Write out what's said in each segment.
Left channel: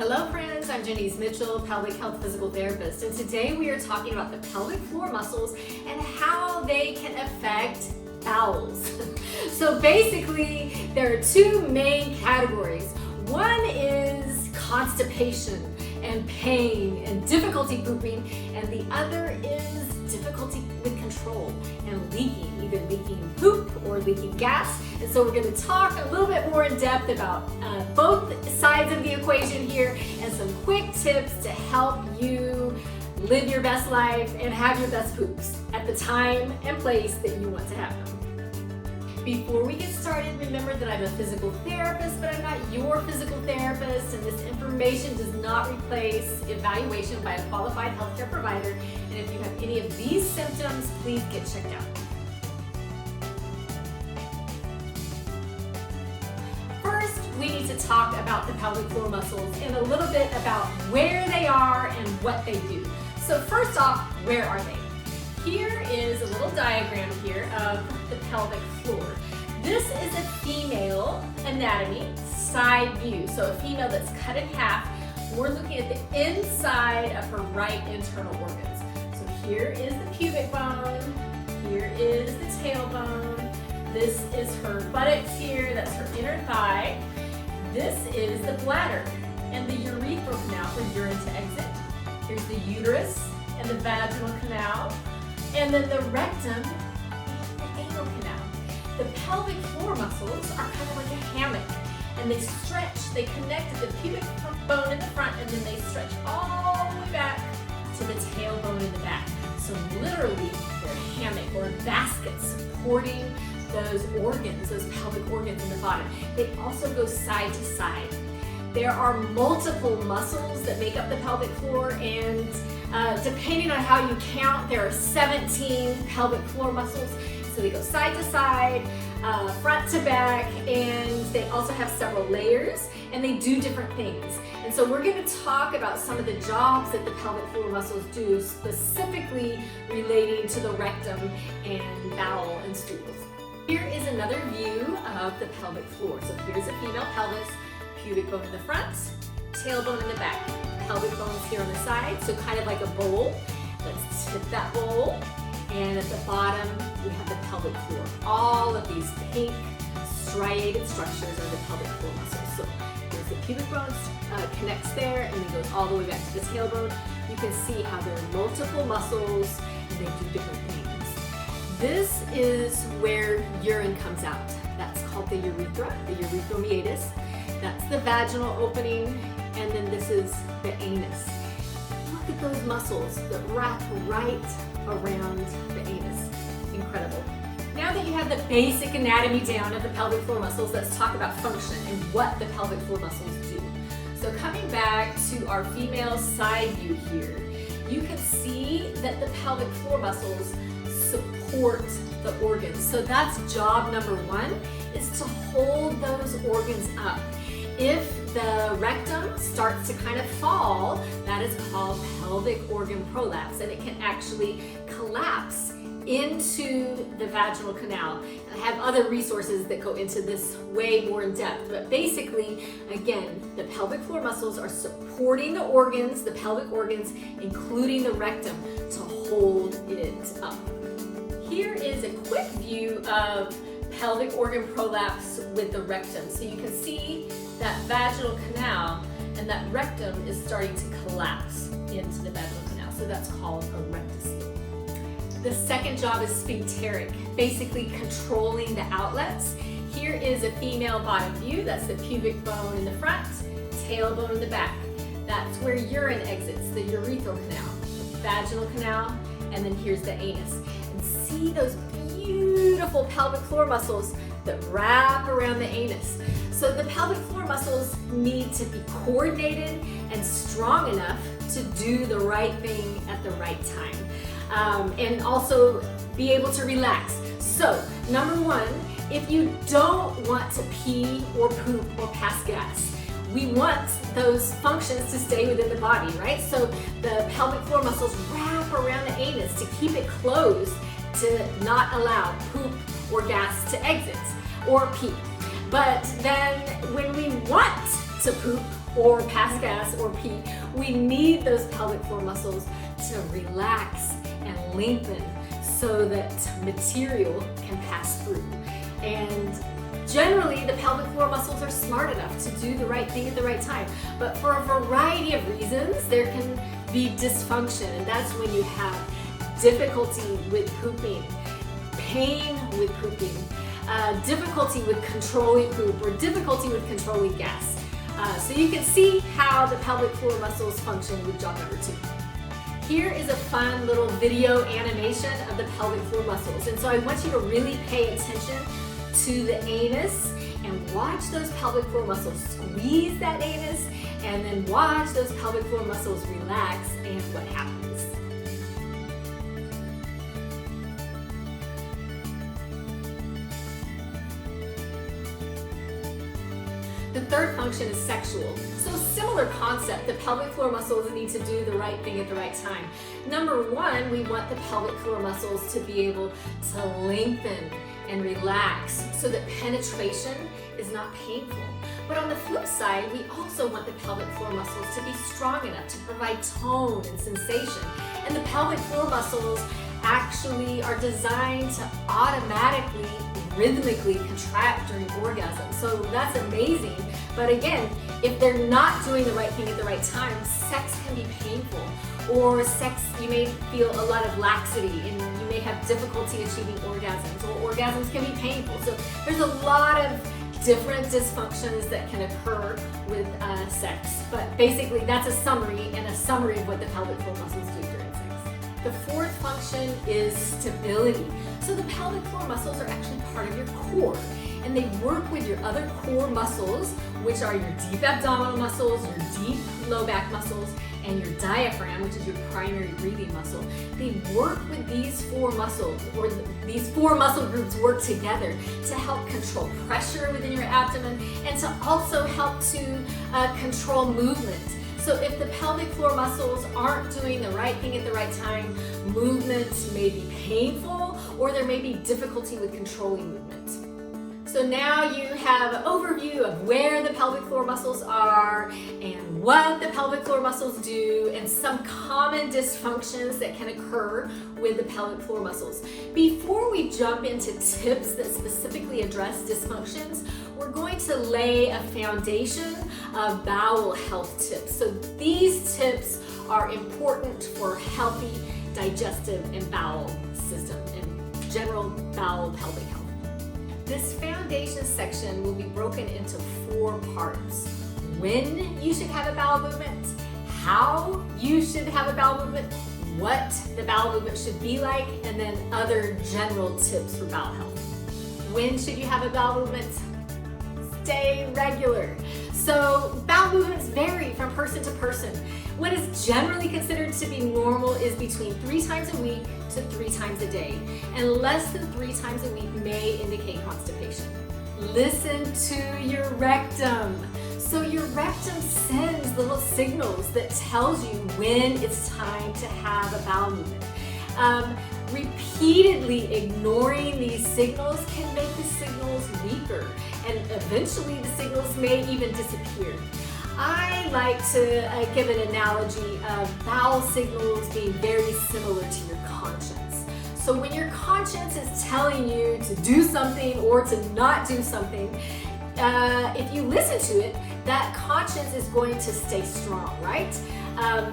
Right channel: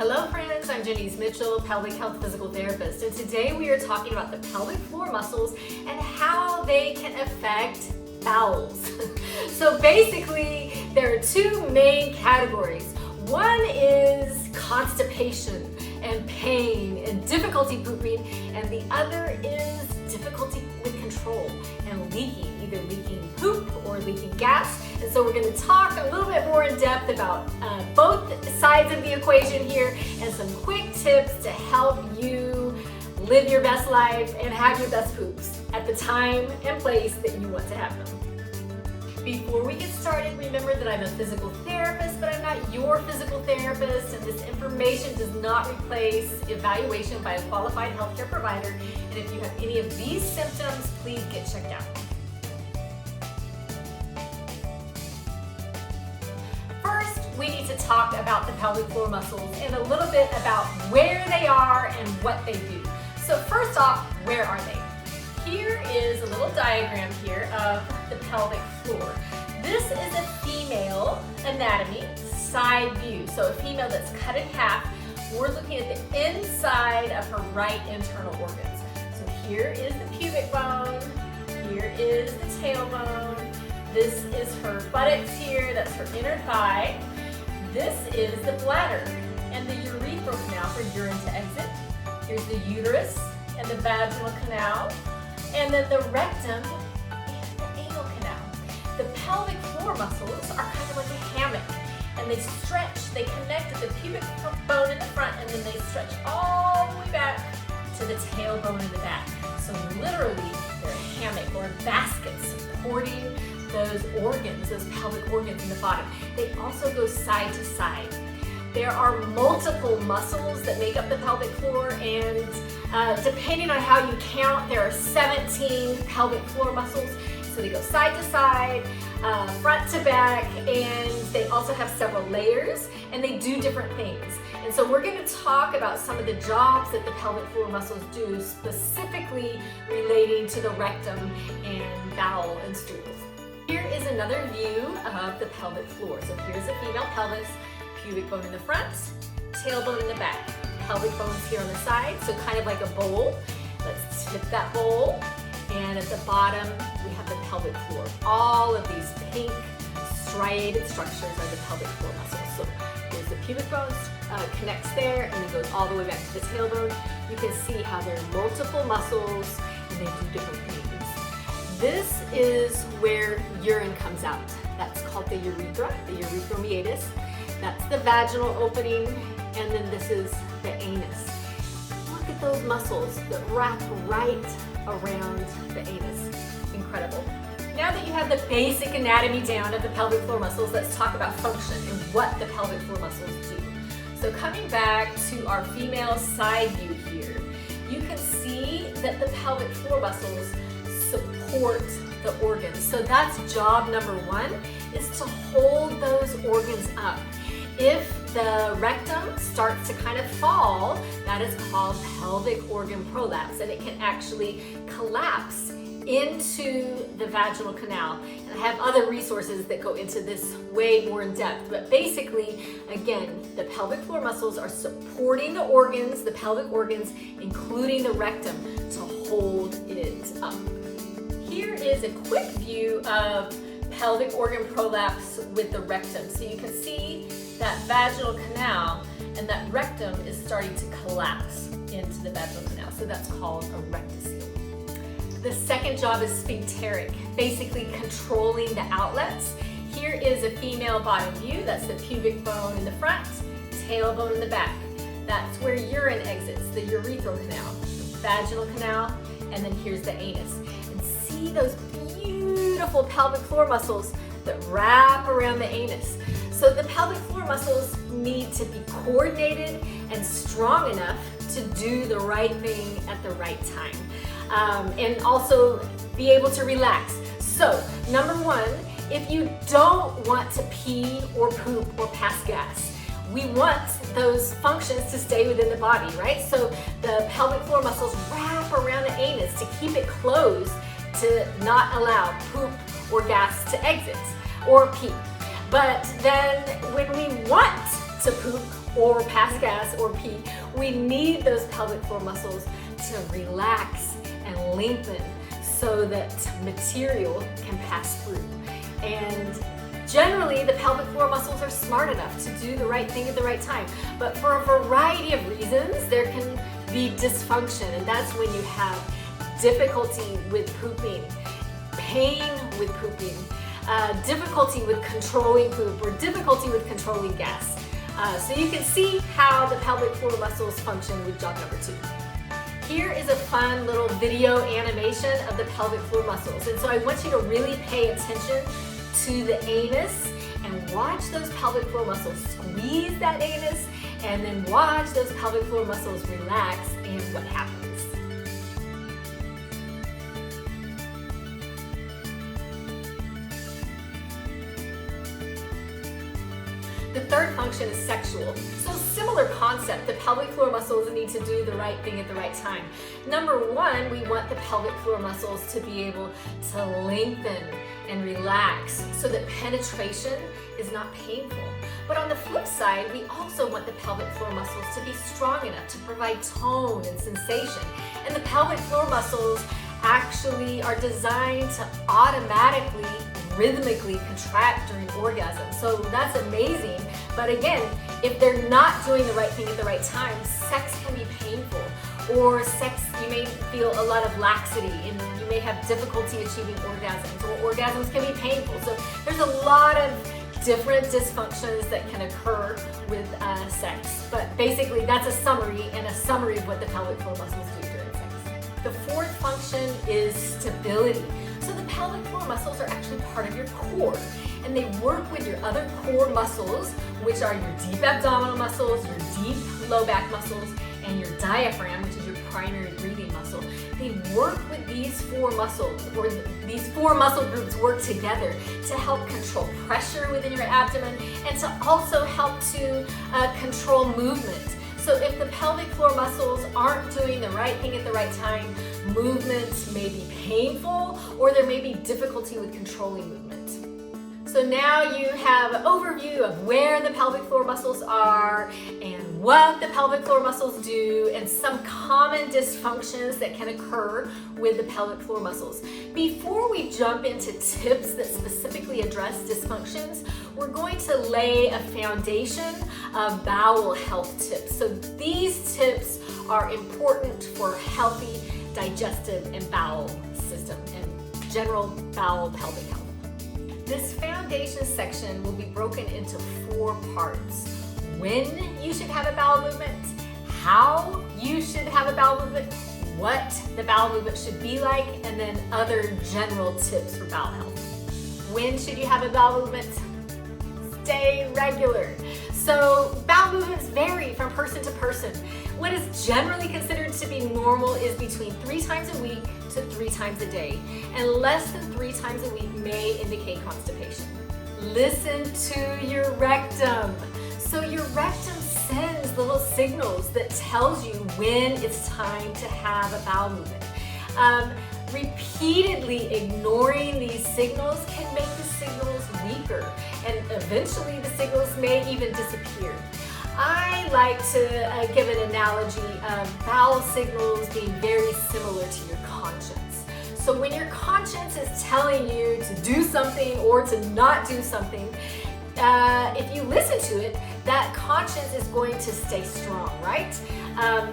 Hello friends, I'm Jeanice Mitchell, pelvic health physical therapist, and today we are talking about the pelvic floor muscles and how they can affect bowels. So basically, there are two main categories. One is constipation and pain and difficulty pooping, and the other is difficulty with control and leaking, either leaking poop or leaking gas. And so we're going to talk a little bit more in depth about both sides of the equation here and some quick tips to help you live your best life and have your best poops at the time and place that you want to have them. Before we get started, remember that I'm a physical therapist, but I'm not your physical therapist, and this information does not replace evaluation by a qualified healthcare provider. And if you have any of these symptoms, please get checked out. First, we need to talk about the pelvic floor muscles and a little bit about where they are and what they do. So first off, where are they? Here is a little diagram here of the pelvic floor. This is a female anatomy side view. So a female that's cut in half. We're looking at the inside of her right internal organs. So here is the pubic bone. Here is the tailbone. This is her buttocks here. That's her inner thigh. This is the bladder and the urethral canal for urine to exit. Here's the uterus and the vaginal canal. And then the rectum and the anal canal. The pelvic floor muscles are kind of like a hammock, and they stretch, they connect to the pubic bone in the front, and then they stretch all the way back to the tailbone in the back. So literally, they're a hammock or a basket supporting those organs, those pelvic organs in the body. They also go side to side. There are multiple muscles that make up the pelvic floor, and depending on how you count, there are 17 pelvic floor muscles. So they go side to side, front to back, and they also have several layers, and they do different things. And so we're going to talk about some of the jobs that the pelvic floor muscles do, specifically relating to the rectum and bowel and stools. Here is another view of the pelvic floor. So here's a female pelvis. Pubic bone in the front, tailbone in the back. Pelvic bone is here on the side, so kind of like a bowl. Let's tip that bowl. And at the bottom, we have the pelvic floor. All of these pink striated structures are the pelvic floor muscles. So there's the pubic bone, connects there, and it goes all the way back to the tailbone. You can see how there are multiple muscles, and they do different things. This is where urine comes out. That's called the urethra, the urethral meatus. That's the vaginal opening, and then this is the anus. Look at those muscles that wrap right around the anus. Incredible. Now that you have the basic anatomy down of the pelvic floor muscles, let's talk about function and what the pelvic floor muscles do. So coming back to our female side view here, you can see that the pelvic floor muscles support the organs. So that's job number one, is to hold those organs up. If the rectum starts to kind of fall, that is called pelvic organ prolapse, and it can actually collapse into the vaginal canal. And I have other resources that go into this way more in depth, but basically, again, the pelvic floor muscles are supporting the organs, the pelvic organs, including the rectum, to hold it up. Here is a quick view of pelvic organ prolapse with the rectum. So you can see that vaginal canal, and that rectum is starting to collapse into the vaginal canal. So that's called a rectus. The second job is sphincteric, basically controlling the outlets. Here is a female bottom view. That's the pubic bone in the front, tailbone in the back. That's where urine exits, the urethral canal, vaginal canal, and then here's the anus. And see those beautiful pelvic floor muscles that wrap around the anus. So the pelvic floor muscles need to be coordinated and strong enough to do the right thing at the right time, and also be able to relax. So number one, if you don't want to pee or poop or pass gas, we want those functions to stay within the body, right? So the pelvic floor muscles wrap around the anus to keep it closed, to not allow poop or gas to exit or pee. But then when we want to poop or pass gas or pee, we need those pelvic floor muscles to relax and lengthen so that material can pass through. And generally, the pelvic floor muscles are smart enough to do the right thing at the right time. But for a variety of reasons, there can be dysfunction, and that's when you have difficulty with pooping, pain with pooping, difficulty with controlling poop, or difficulty with controlling gas. So you can see how the pelvic floor muscles function with job number 2. Here is a fun little video animation of the pelvic floor muscles. And so I want you to really pay attention to the anus and watch those pelvic floor muscles squeeze that anus, and then watch those pelvic floor muscles relax and what happens. The third function is sexual. So similar concept, the pelvic floor muscles need to do the right thing at the right time. Number 1, we want the pelvic floor muscles to be able to lengthen and relax so that penetration is not painful. But on the flip side, we also want the pelvic floor muscles to be strong enough to provide tone and sensation. And the pelvic floor muscles actually are designed to automatically, rhythmically contract during orgasm. So that's amazing. But again, if they're not doing the right thing at the right time, sex can be painful. Or sex, you may feel a lot of laxity and you may have difficulty achieving orgasms, or orgasms can be painful. So there's a lot of different dysfunctions that can occur with sex. But basically that's a summary of what the pelvic floor muscles do during sex. The fourth function is stability. So the pelvic floor muscles are actually part of your core, and they work with your other core muscles, which are your deep abdominal muscles, your deep low back muscles, and your diaphragm, which is your primary breathing muscle. They work with these 4 muscles, or these 4 muscle groups work together to help control pressure within your abdomen and to also help to control movement. So if the pelvic floor muscles aren't doing the right thing at the right time, movements may be painful, or there may be difficulty with controlling movement. So now you have an overview of where the pelvic floor muscles are and what the pelvic floor muscles do, and some common dysfunctions that can occur with the pelvic floor muscles. Before we jump into tips that specifically address dysfunctions, we're going to lay a foundation of bowel health tips. So these tips are important for healthy digestive and bowel system and general bowel pelvic health. This foundation section will be broken into 4 parts. When you should have a bowel movement, how you should have a bowel movement, what the bowel movement should be like, and then other general tips for bowel health. When should you have a bowel movement? Stay regular. So bowel movements vary from person to person. What is generally considered to be normal is between 3 times a week to 3 times a day, and less than 3 times a week may indicate constipation. Listen to your rectum. So your rectum sends little signals that tells you when it's time to have a bowel movement. Repeatedly ignoring these signals can make the signals weaker, and eventually the signals may even disappear. I like to give an analogy of bowel signals being very similar to your conscience. So when your conscience is telling you to do something or to not do something, if you listen to it, that conscience is going to stay strong, right?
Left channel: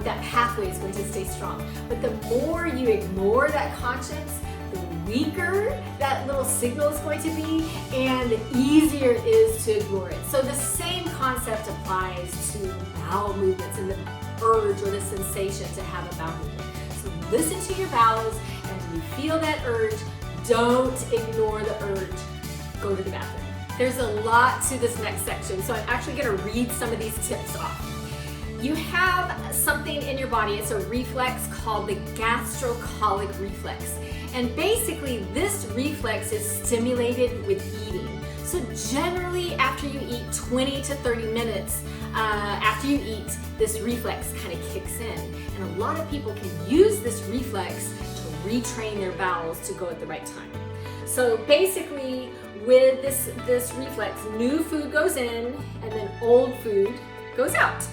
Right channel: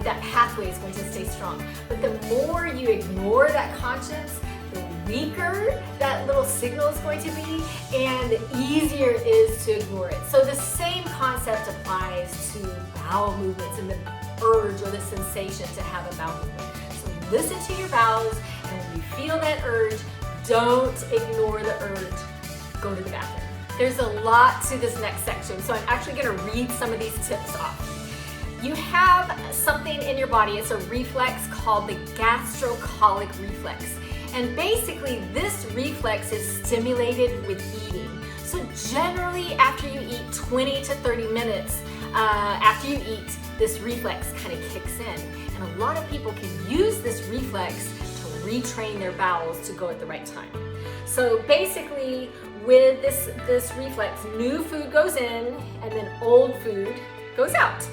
That pathway is going to stay strong. But the more you ignore that conscience, the weaker that little signal is going to be, and the easier it is to ignore it. So the same concept applies to bowel movements and the urge or the sensation to have a bowel movement. So listen to your bowels, and when you feel that urge, don't ignore the urge. Go to the bathroom. There's a lot to this next section, so I'm actually going to read some of these tips off. You have something in your body, it's a reflex called the gastrocolic reflex. And basically this reflex is stimulated with eating. So generally after you eat 20 to 30 minutes after you eat, this reflex kind of kicks in. And a lot of people can use this reflex to retrain their bowels to go at the right time. So basically with this reflex, new food goes in and then old food goes out.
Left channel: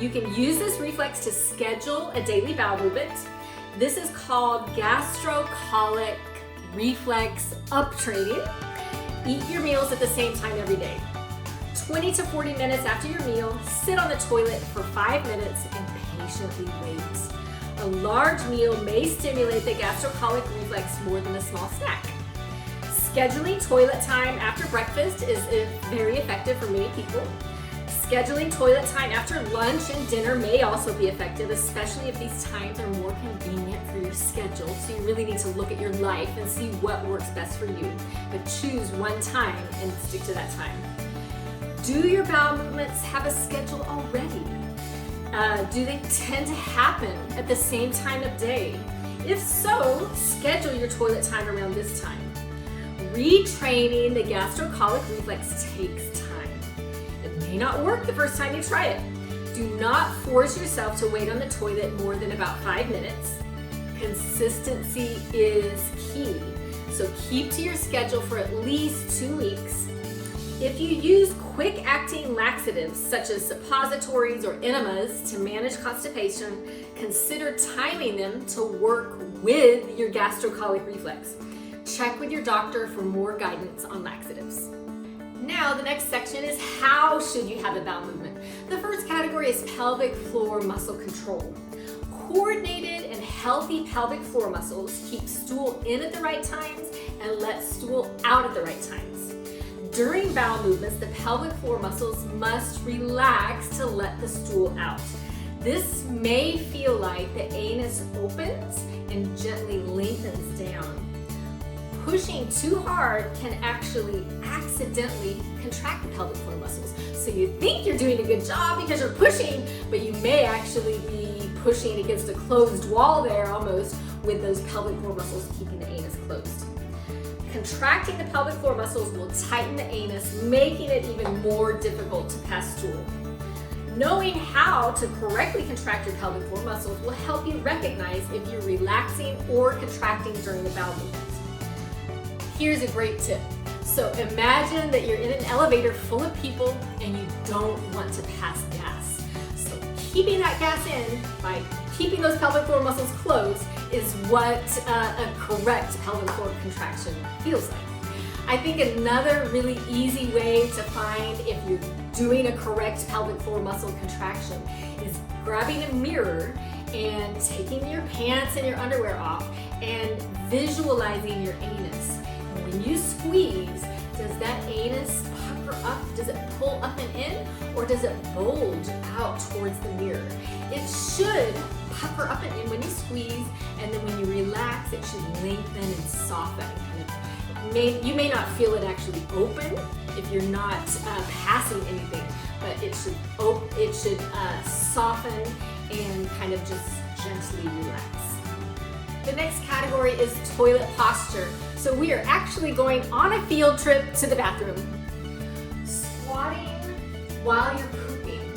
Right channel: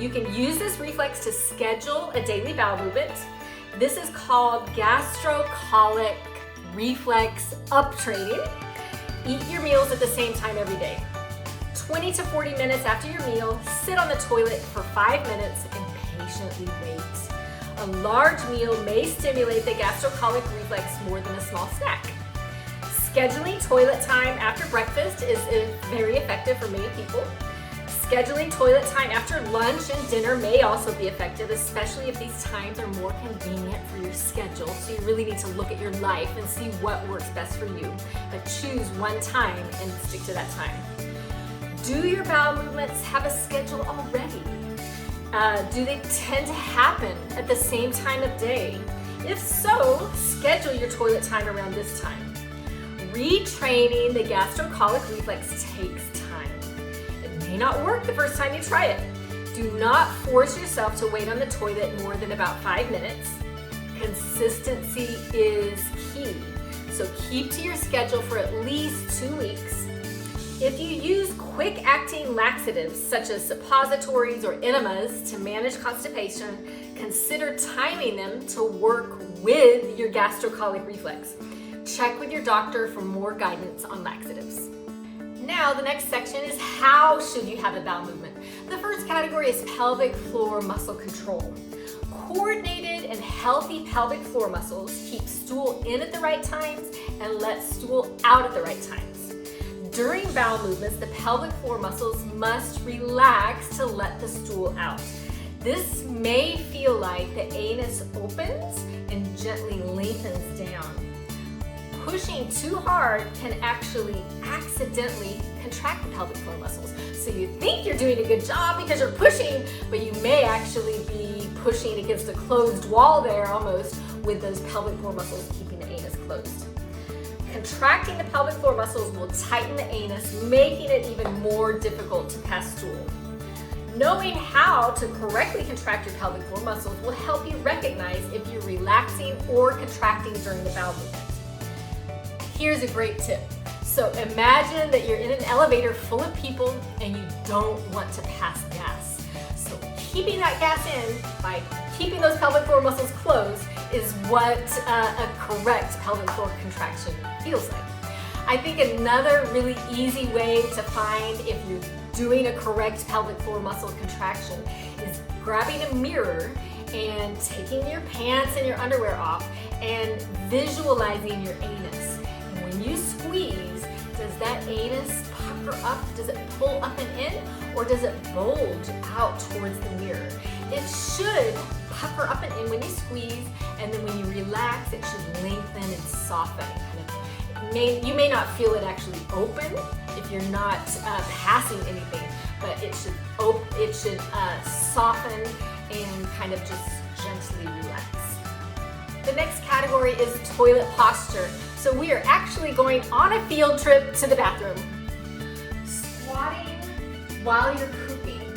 You can use this reflex to schedule a daily bowel movement. This is called Gastrocolic Reflex uptraining. Eat your meals at the same time every day. 20 to 40 minutes after your meal, sit on the toilet for 5 minutes and patiently wait. A large meal may stimulate the gastrocolic reflex more than a small snack. Scheduling toilet time after breakfast is very effective for many people. Scheduling toilet time after lunch and dinner may also be effective, especially if these times are more convenient for your schedule. So you really need to look at your life and see what works best for you. But choose one time and stick to that time. Do your bowel movements have a schedule already? Do they tend to happen at the same time of day? If so, schedule your toilet time around this time. Retraining the gastrocolic reflex takes time. It may not work the first time you try it. Do not force yourself to wait on the toilet more than about 5 minutes. Consistency is key, so keep to your schedule for at least 2 weeks. If you use quick-acting laxatives such as suppositories or enemas to manage constipation, consider timing them to work with your gastrocolic reflex. Check with your doctor for more guidance on laxatives. Now, the next section is how should you have a bowel movement. The first category is pelvic floor muscle control. Coordinated and healthy pelvic floor muscles keep stool in at the right times and let stool out at the right times. During bowel movements, the pelvic floor muscles must relax to let the stool out. This may feel like the anus opens and gently lengthens down. Pushing too hard can actually accidentally contract the pelvic floor muscles. So you think you're doing a good job because you're pushing, but you may actually be pushing against a closed wall there almost, with those pelvic floor muscles keeping the anus closed. Contracting the pelvic floor muscles will tighten the anus, making it even more difficult to pass stool. Knowing how to correctly contract your pelvic floor muscles will help you recognize if you're relaxing or contracting during the bowel movement. Here's a great tip. So imagine that you're in an elevator full of people and you don't want to pass gas. So keeping that gas in by keeping those pelvic floor muscles closed is what a correct pelvic floor contraction feels like. I think another really easy way to find if you're doing a correct pelvic floor muscle contraction is grabbing a mirror and taking your pants and your underwear off and visualizing your anus. And when you squeeze, does that anus pucker up? Does it pull up and in, or does it bulge out towards the mirror? It should pucker up and in when you squeeze, and then when you relax, it should lengthen and soften. You may not feel it actually open if you're not passing anything, but it should soften and kind of just gently relax. The next category is toilet posture. So we are actually going on a field trip to the bathroom. Squatting while you're pooping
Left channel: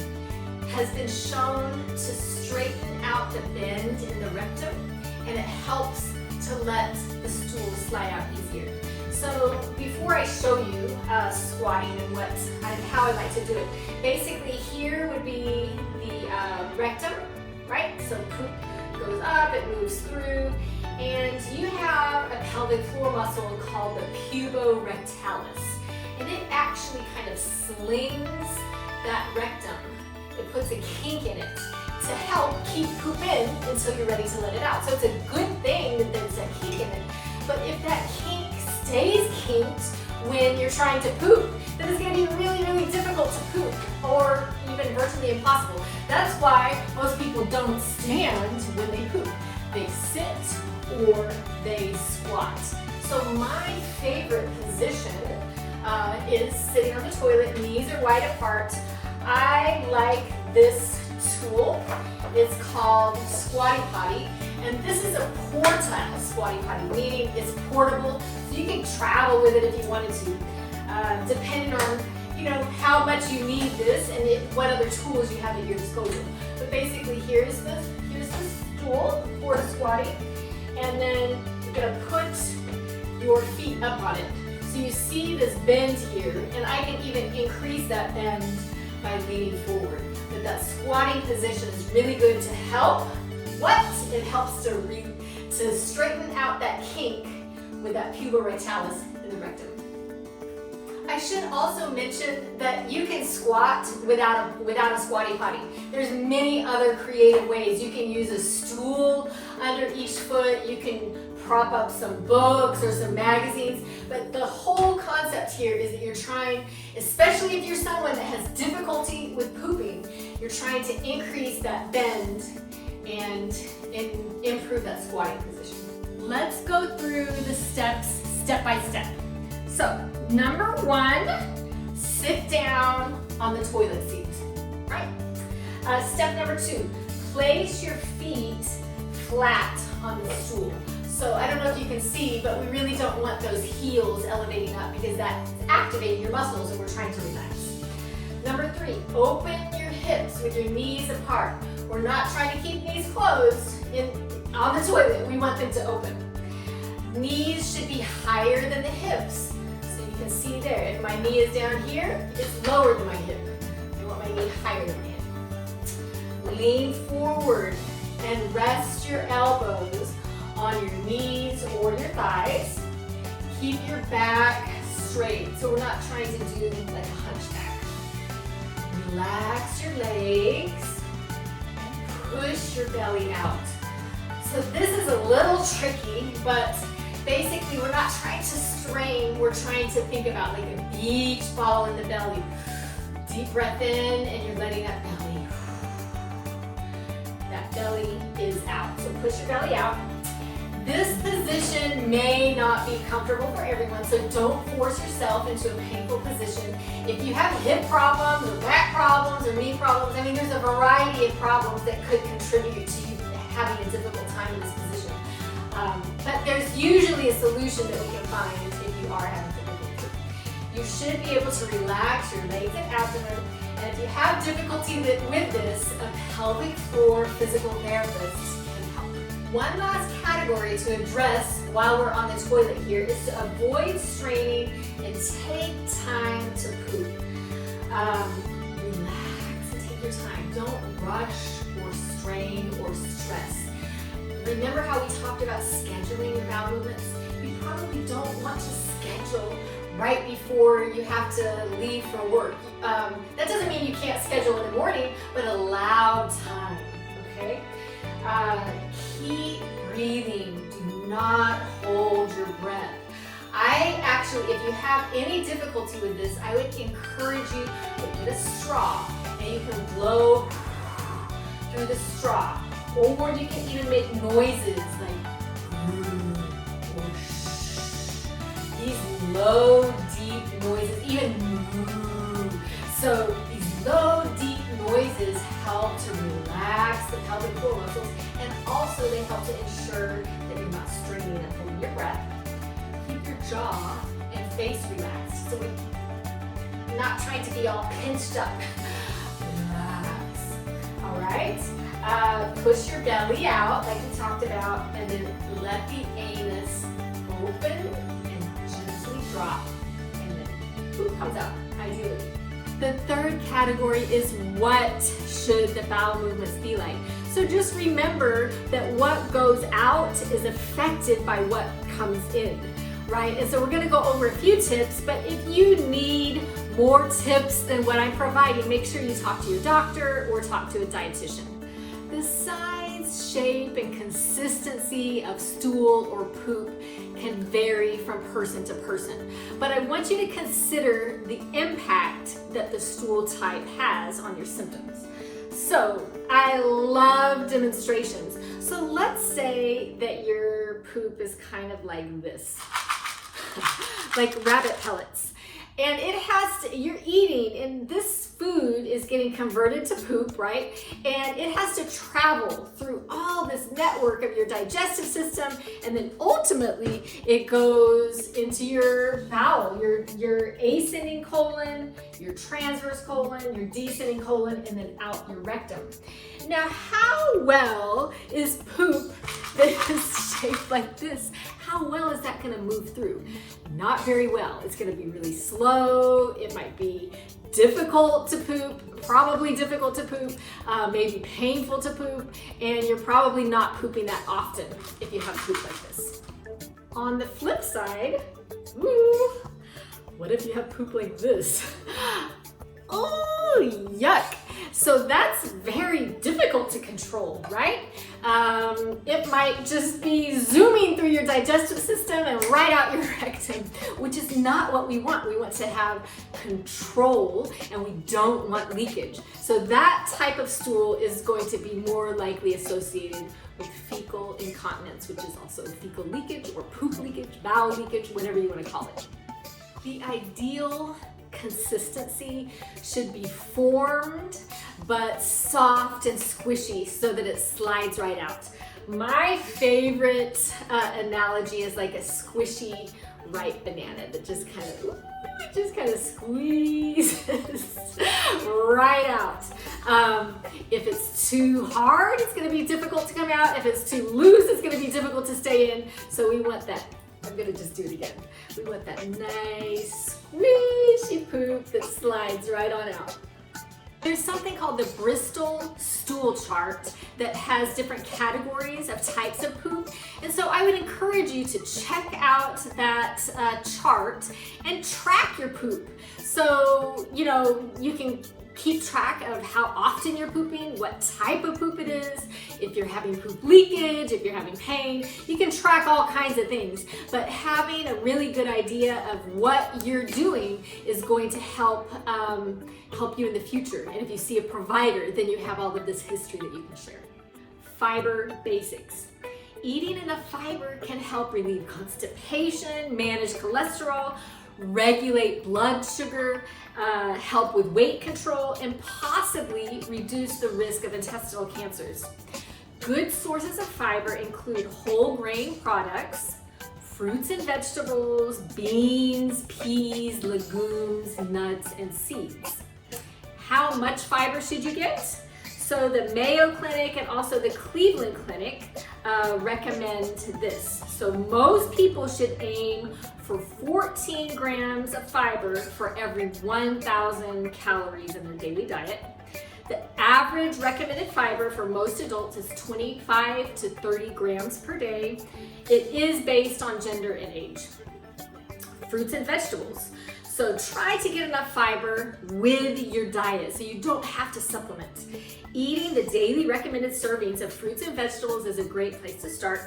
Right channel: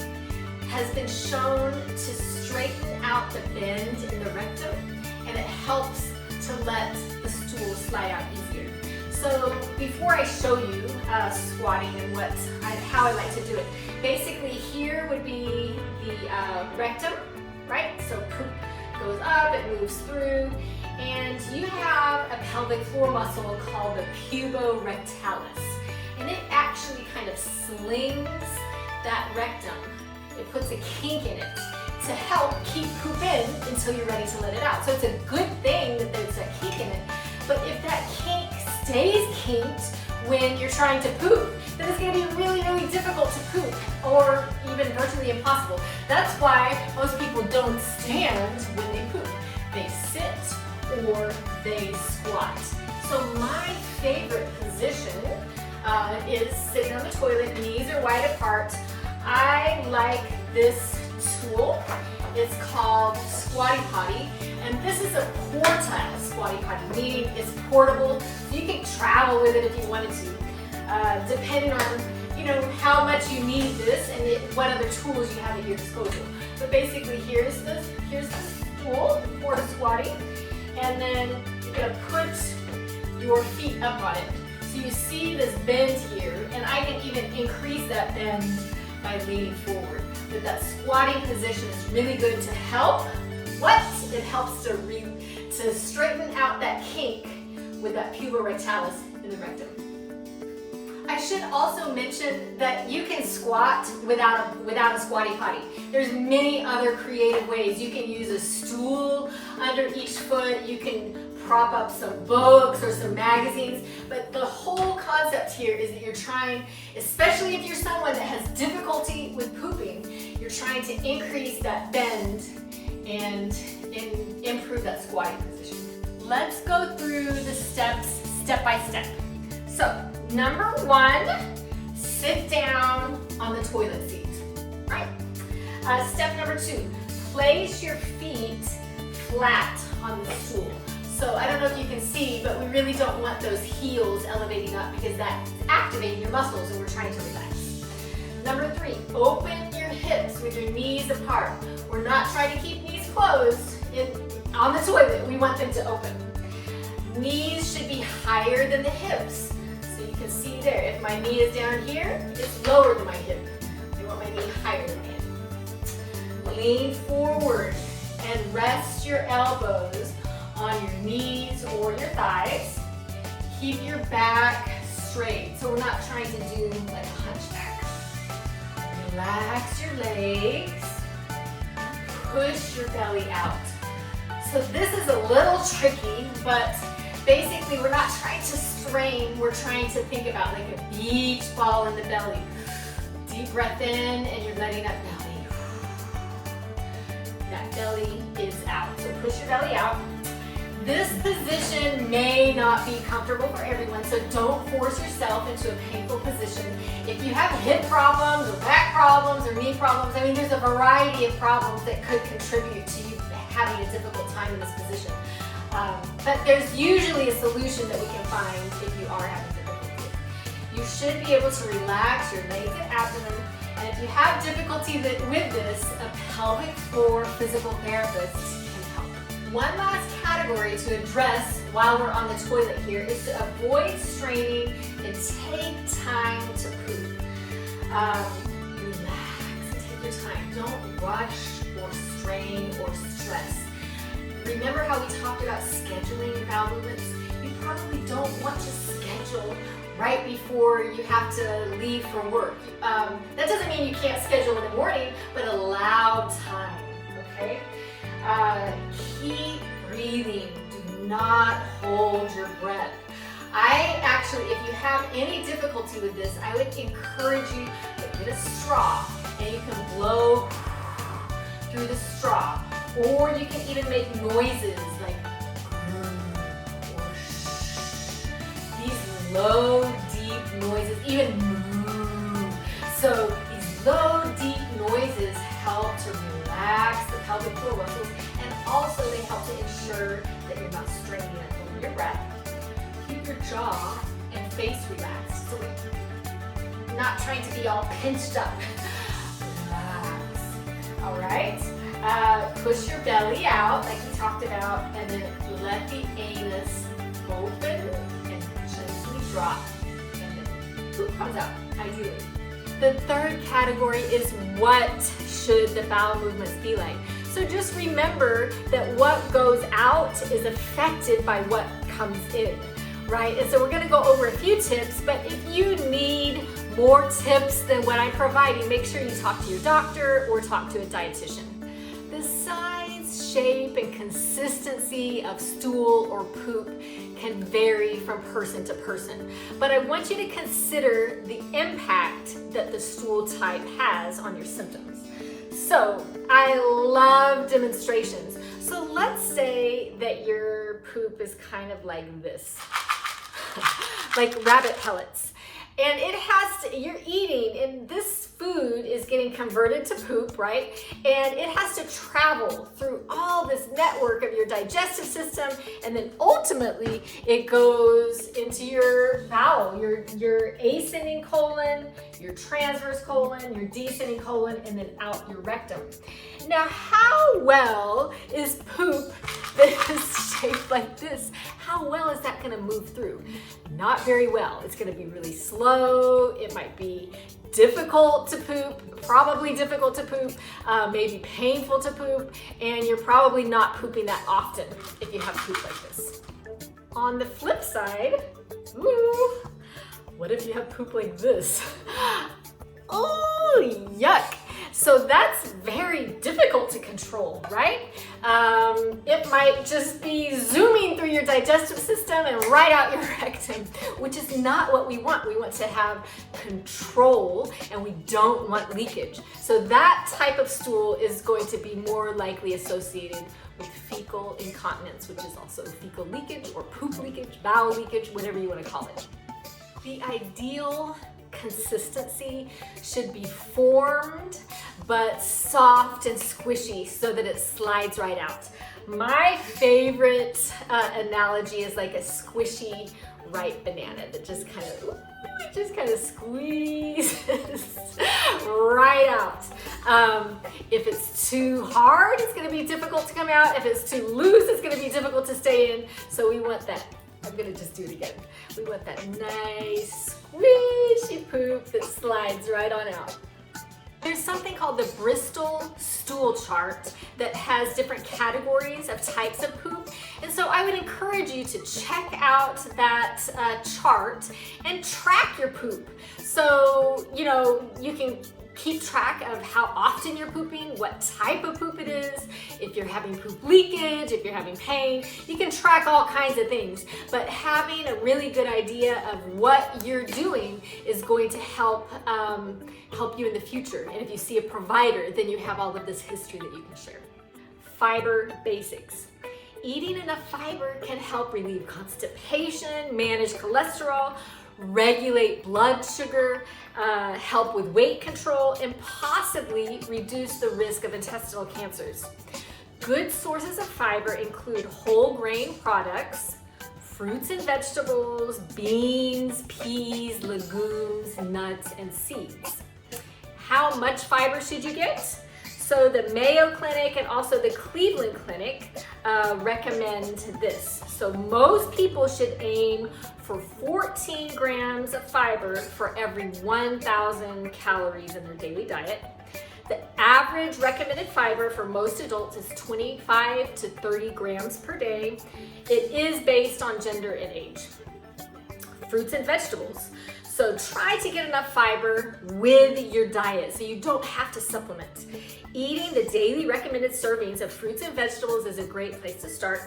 has been shown to straighten out the bend in the rectum, and it helps to let the stool slide out easier. So before I show you squatting and how I like to do it, basically here would be the rectum, right? So poop goes up, it moves through, and you have a pelvic floor muscle called the puborectalis, and it actually kind of slings that rectum. It puts a kink in it to help keep poop in until you're ready to let it out. So it's a good thing that there's a kink in it, but if that kink stays kinked when you're trying to poop, then it's going to be really, really difficult to poop, or even virtually impossible. That's why most people don't stand when they poop. They sit or they squat. So my favorite position is sitting on the toilet, knees are wide apart. I like this tool. It's called Squatty Potty, and this is a portile Squatty Potty, meaning it's portable, so you can travel with it if you wanted to, depending on how much you need this and what other tools you have at your disposal. But basically, here's the stool for the squatting, and then you're gonna put your feet up on it. So you see this bend here, and I can even increase that bend by leaning forward. that that squatty position is really good to help. What? It helps to straighten out that kink with that puborectalis in the rectum. I should also mention that you can squat without a squatty potty. There's many other creative ways. You can use a stool under each foot. You can prop up some books or some magazines. But the whole concept here is that you're trying, especially if you're someone that has difficulty with pooping, you're trying to increase that bend and improve that squatting position. Let's go through the steps step by step. So, number 1, sit down on the toilet seat, right? Step number 2, place your feet flat on the stool. So I don't know if you can see, but we really don't want those heels elevating up because that's activating your muscles and we're trying to relax. Number 3, open your hips with your knees apart. We're not trying to keep knees closed on the toilet. We want them to open. Knees should be higher than the hips. So you can see there, if my knee is down here, it's lower than my hip. I want my knee higher than my hip. Lean forward and rest your elbows on your knees or your thighs. Keep your back straight. So we're not trying to do like a hunchback. Relax your legs. Push your belly out. So this is a little tricky, but basically we're not trying to strain, we're trying to think about like a beach ball in the belly. Deep breath in and you're letting that belly. That belly is out. So push your belly out. This position may not be comfortable for everyone, so don't force yourself into a painful position. If you have hip problems or back problems or knee problems, I mean there's a variety of problems that could contribute to you having a difficult time in this position. But there's usually a solution that we can find if you are having difficulty. You should be able to relax your legs and abdomen, and if you have difficulty with this, a pelvic floor physical therapist can help. One last category to address while we're on the toilet here is to avoid straining and take time to poop. Relax and take your time. Don't rush or strain or stress. Remember how we talked about scheduling bowel movements? You probably don't want to schedule right before you have to leave for work. That doesn't mean you can't schedule in the morning, but allow time, okay? Keep breathing. Do not hold your breath. If you have any difficulty with this, I would encourage you to get a straw and you can blow through the straw. Or you can even make noises like or shh. These low, deep noises, even moo. So these low, deep noises help to relax the pelvic floor muscles, and also they help to ensure that you're not straining and holding your breath. Keep your jaw and face relaxed, so we're not trying to be all pinched up. Relax. All right. Push your belly out like we talked about, and then let the anus open and gently drop, and then poop comes out, ideally. The third category is what should the bowel movements be like. So just remember that what goes out is affected by what comes in, right? And so we're going to go over a few tips, but if you need more tips than what I'm providing, make sure you talk to your doctor or talk to a dietitian. The size, shape, and consistency of stool or poop can vary from person to person. But I want you to consider the impact that the stool type has on your symptoms. So I love demonstrations. So let's say that your poop is kind of like this, like rabbit pellets. And it has to, you're eating, and this food is getting converted to poop, right? And it has to travel through all this network of your digestive system, and then ultimately it goes into your bowel, your ascending colon, your transverse colon, your descending colon, and then out your rectum. Now, how well is poop that is shaped like this? How well is that going to move through? Not very well. It's going to be really slow. It might be difficult to poop. probably difficult to poop, maybe painful to poop, and you're probably not pooping that often if you have poop like this. On the flip side, ooh, what if you have poop like this? Oh, yuck. So that's very difficult to control, right? It might just be zooming through your digestive system and right out your rectum, which is not what we want. We want to have control and we don't want leakage. So that type of stool is going to be more likely associated with fecal incontinence, which is also fecal leakage or poop leakage, bowel leakage, whatever you want to call it. The ideal consistency should be formed but soft and squishy so that it slides right out. My favorite analogy is like a squishy ripe banana that just kind of squeezes right out. If it's too hard, it's going to be difficult to come out. If it's too loose, it's going to be difficult to stay in. So we want that. I'm going to just do it again. We want that nice squishy poop that slides right on out. There's something called the Bristol stool chart that has different categories of types of poop. And so I would encourage you to check out that chart and track your poop. So, you know, you can keep track of how often you're pooping, what type of poop it is, if you're having poop leakage, if you're having pain. You can track all kinds of things, but having a really good idea of what you're doing is going to help you in the future. And if you see a provider, then you have all of this history that you can share. Fiber basics. Eating enough fiber can help relieve constipation, manage cholesterol, regulate blood sugar, help with weight control, and possibly reduce the risk of intestinal cancers. Good sources of fiber include whole grain products, fruits and vegetables, beans, peas, legumes, nuts, and seeds. How much fiber should you get? So the Mayo Clinic and also the Cleveland Clinic recommend this. So most people should aim for 14 grams of fiber for every 1,000 calories in their daily diet. The average recommended fiber for most adults is 25 to 30 grams per day. It is based on gender and age. Fruits and vegetables. So try to get enough fiber with your diet so you don't have to supplement. Eating the daily recommended servings of fruits and vegetables is a great place to start.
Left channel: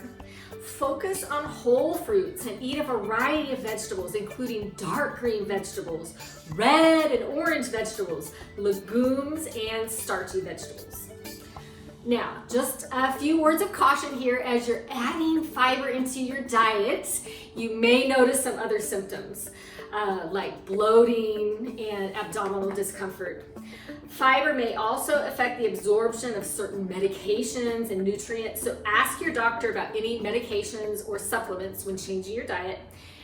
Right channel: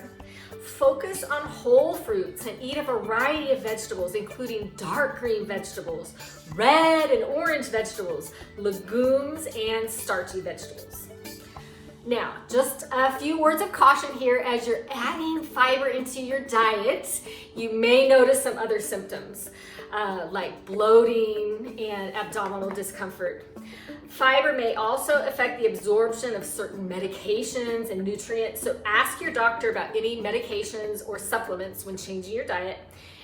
Focus on whole fruits and eat a variety of vegetables, including dark green vegetables, red and orange vegetables, legumes, and starchy vegetables. Now, just a few words of caution here. As you're adding fiber into your diet, you may notice some other symptoms like bloating and abdominal discomfort. Fiber may also affect the absorption of certain medications and nutrients, so ask your doctor about any medications or supplements when changing your diet.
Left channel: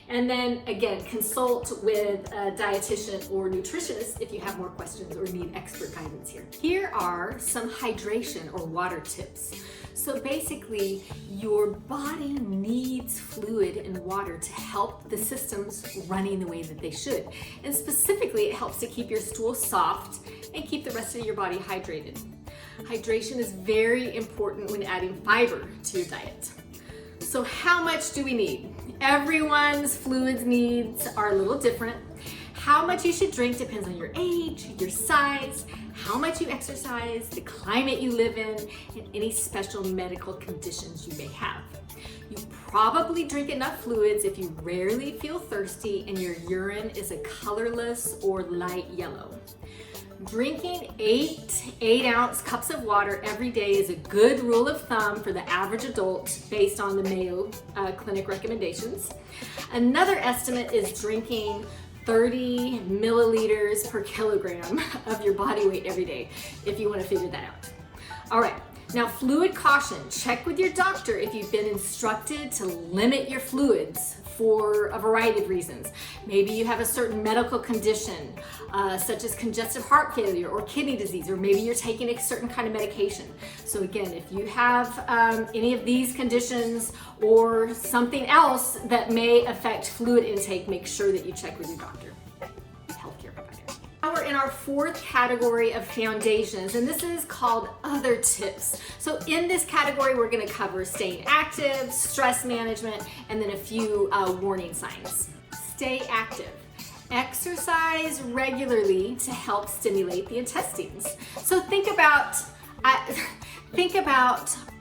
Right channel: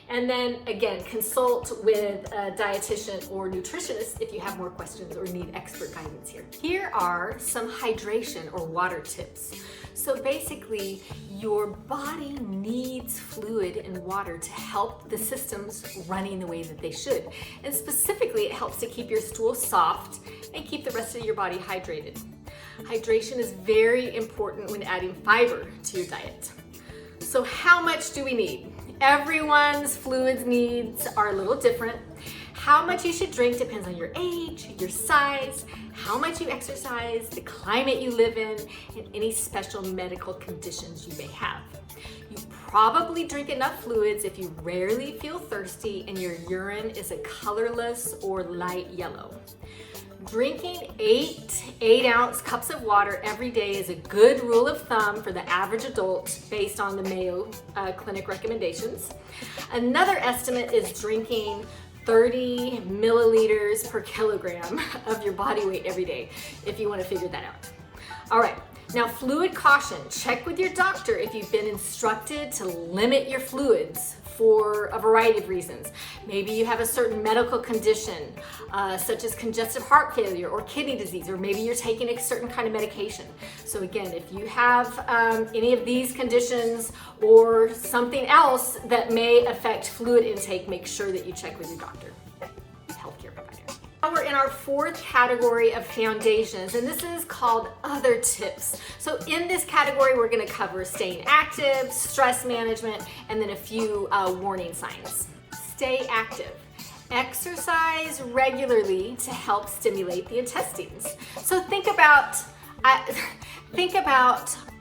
And then again, consult with a dietitian or nutritionist if you have more questions or need expert guidance here. Here are some hydration or water tips. So basically, your body needs fluid and water to help the systems running the way that they should. And specifically, it helps to keep your stool soft and keep the rest of your body hydrated. Hydration is very important when adding fiber to your diet. So how much do we need? Everyone's fluids needs are a little different. How much you should drink depends on your age, your size, how much you exercise, the climate you live in, and any special medical conditions you may have. You probably drink enough fluids if you rarely feel thirsty and your urine is a colorless or light yellow. Drinking 8-ounce cups of water every day is a good rule of thumb for the average adult based on the Mayo Clinic recommendations. Another estimate is drinking 30 milliliters per kilogram of your body weight every day, if you want to figure that out. All right, now fluid caution. Check with your doctor if you've been instructed to limit your fluids for a variety of reasons. Maybe you have a certain medical condition, such as congestive heart failure or kidney disease, or maybe you're taking a certain kind of medication. So again, if you have any of these conditions or something else that may affect fluid intake, make sure that you check with your doctor, healthcare provider. now we're in our fourth category of foundations, and this is called other tips. So in this category, we're going to cover staying active, stress management, and then a few warning signs. Stay active. Exercise regularly to help stimulate the intestines. So think about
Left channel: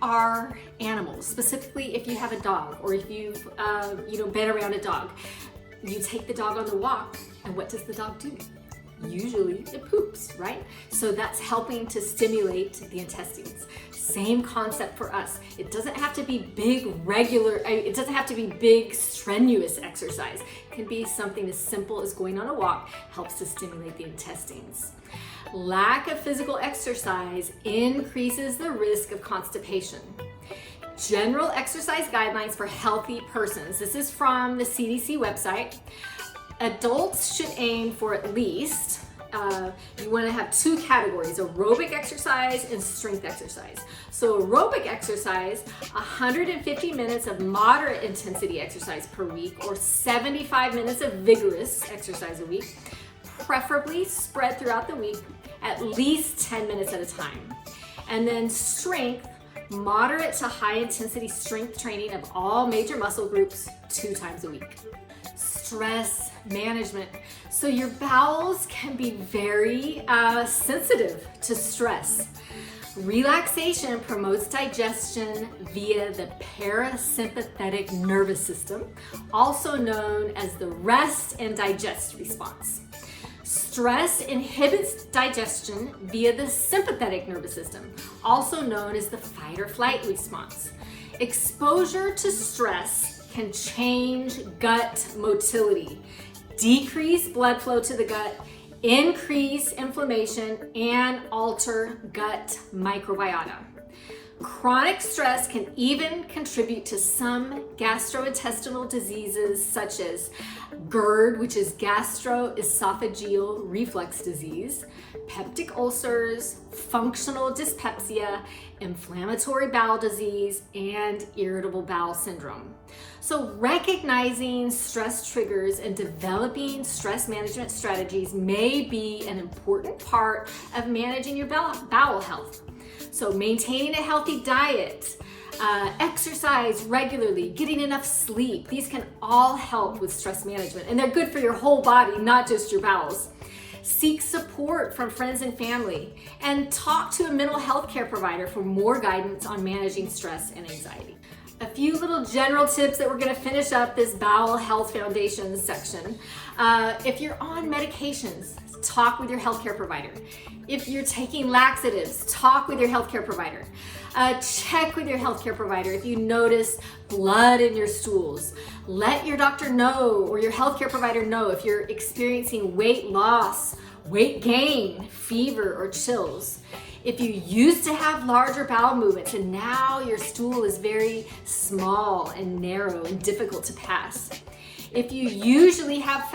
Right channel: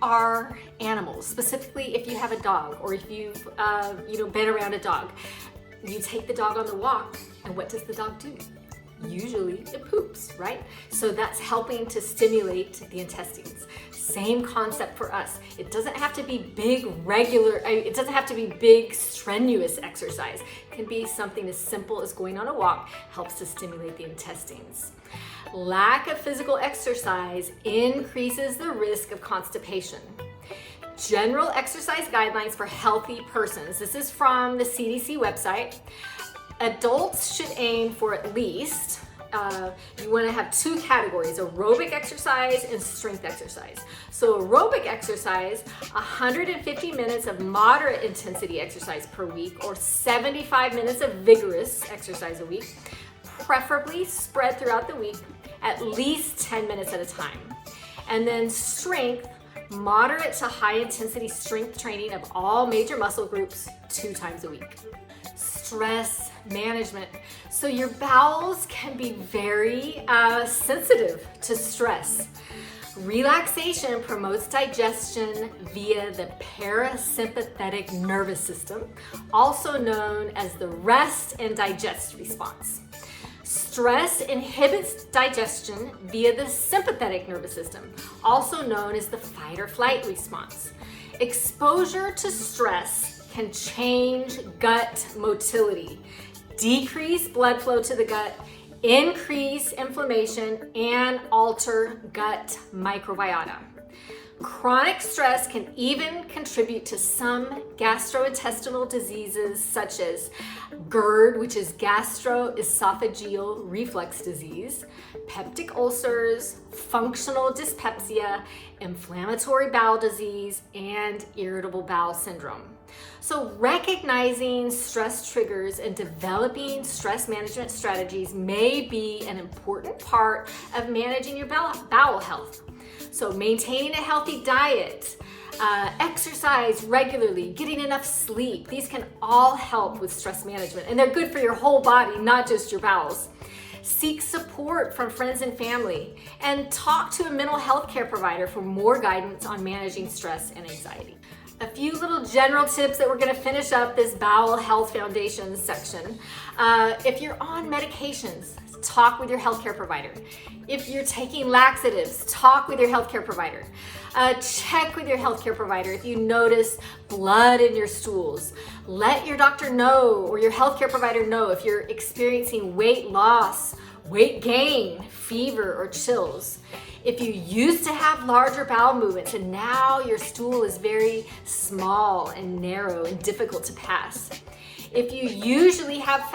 our animals, specifically if you have a dog or if you've been around a dog. You take the dog on the walk, and what does the dog do? Usually it poops, right? So that's helping to stimulate the intestines. Same concept for us. It doesn't have to be it doesn't have to be big, strenuous exercise. It can be something as simple as going on a walk, helps to stimulate the intestines. Lack of physical exercise increases the risk of constipation. General exercise guidelines for healthy persons. This is from the CDC website. Adults should aim for at least, you want to have two categories, aerobic exercise and strength exercise. So aerobic exercise, 150 minutes of moderate intensity exercise per week or 75 minutes of vigorous exercise a week, preferably spread throughout the week, at least 10 minutes at a time. And then strength, moderate to high intensity strength training of all major muscle groups 2 times a week. Stress management. So your bowels can be very sensitive to stress. Relaxation promotes digestion via the parasympathetic nervous system, also known as the rest and digest response. Stress inhibits digestion via the sympathetic nervous system, also known as the fight or flight response. Exposure to stress can change gut motility, decrease blood flow to the gut, increase inflammation, and alter gut microbiota. Chronic stress can even contribute to some gastrointestinal diseases such as GERD, which is gastroesophageal reflux disease, peptic ulcers, functional dyspepsia, inflammatory bowel disease, and irritable bowel syndrome. So recognizing stress triggers and developing stress management strategies may be an important part of managing your bowel health. So maintaining a healthy diet, exercise regularly, getting enough sleep, these can all help with stress management, and they're good for your whole body, not just your bowels. Seek support from friends and family, and talk to a mental health care provider for more guidance on managing stress and anxiety. A few little general tips that we're going to finish up this bowel health foundations section. If you're on medications, talk with your healthcare provider. If you're taking laxatives, talk with your healthcare provider. Check with your healthcare provider if you notice blood in your stools. Let your doctor know or your healthcare provider know if you're experiencing weight loss, weight gain, fever, or chills. If you used to have larger bowel movements and now your stool is very small and narrow and difficult to pass. If you usually have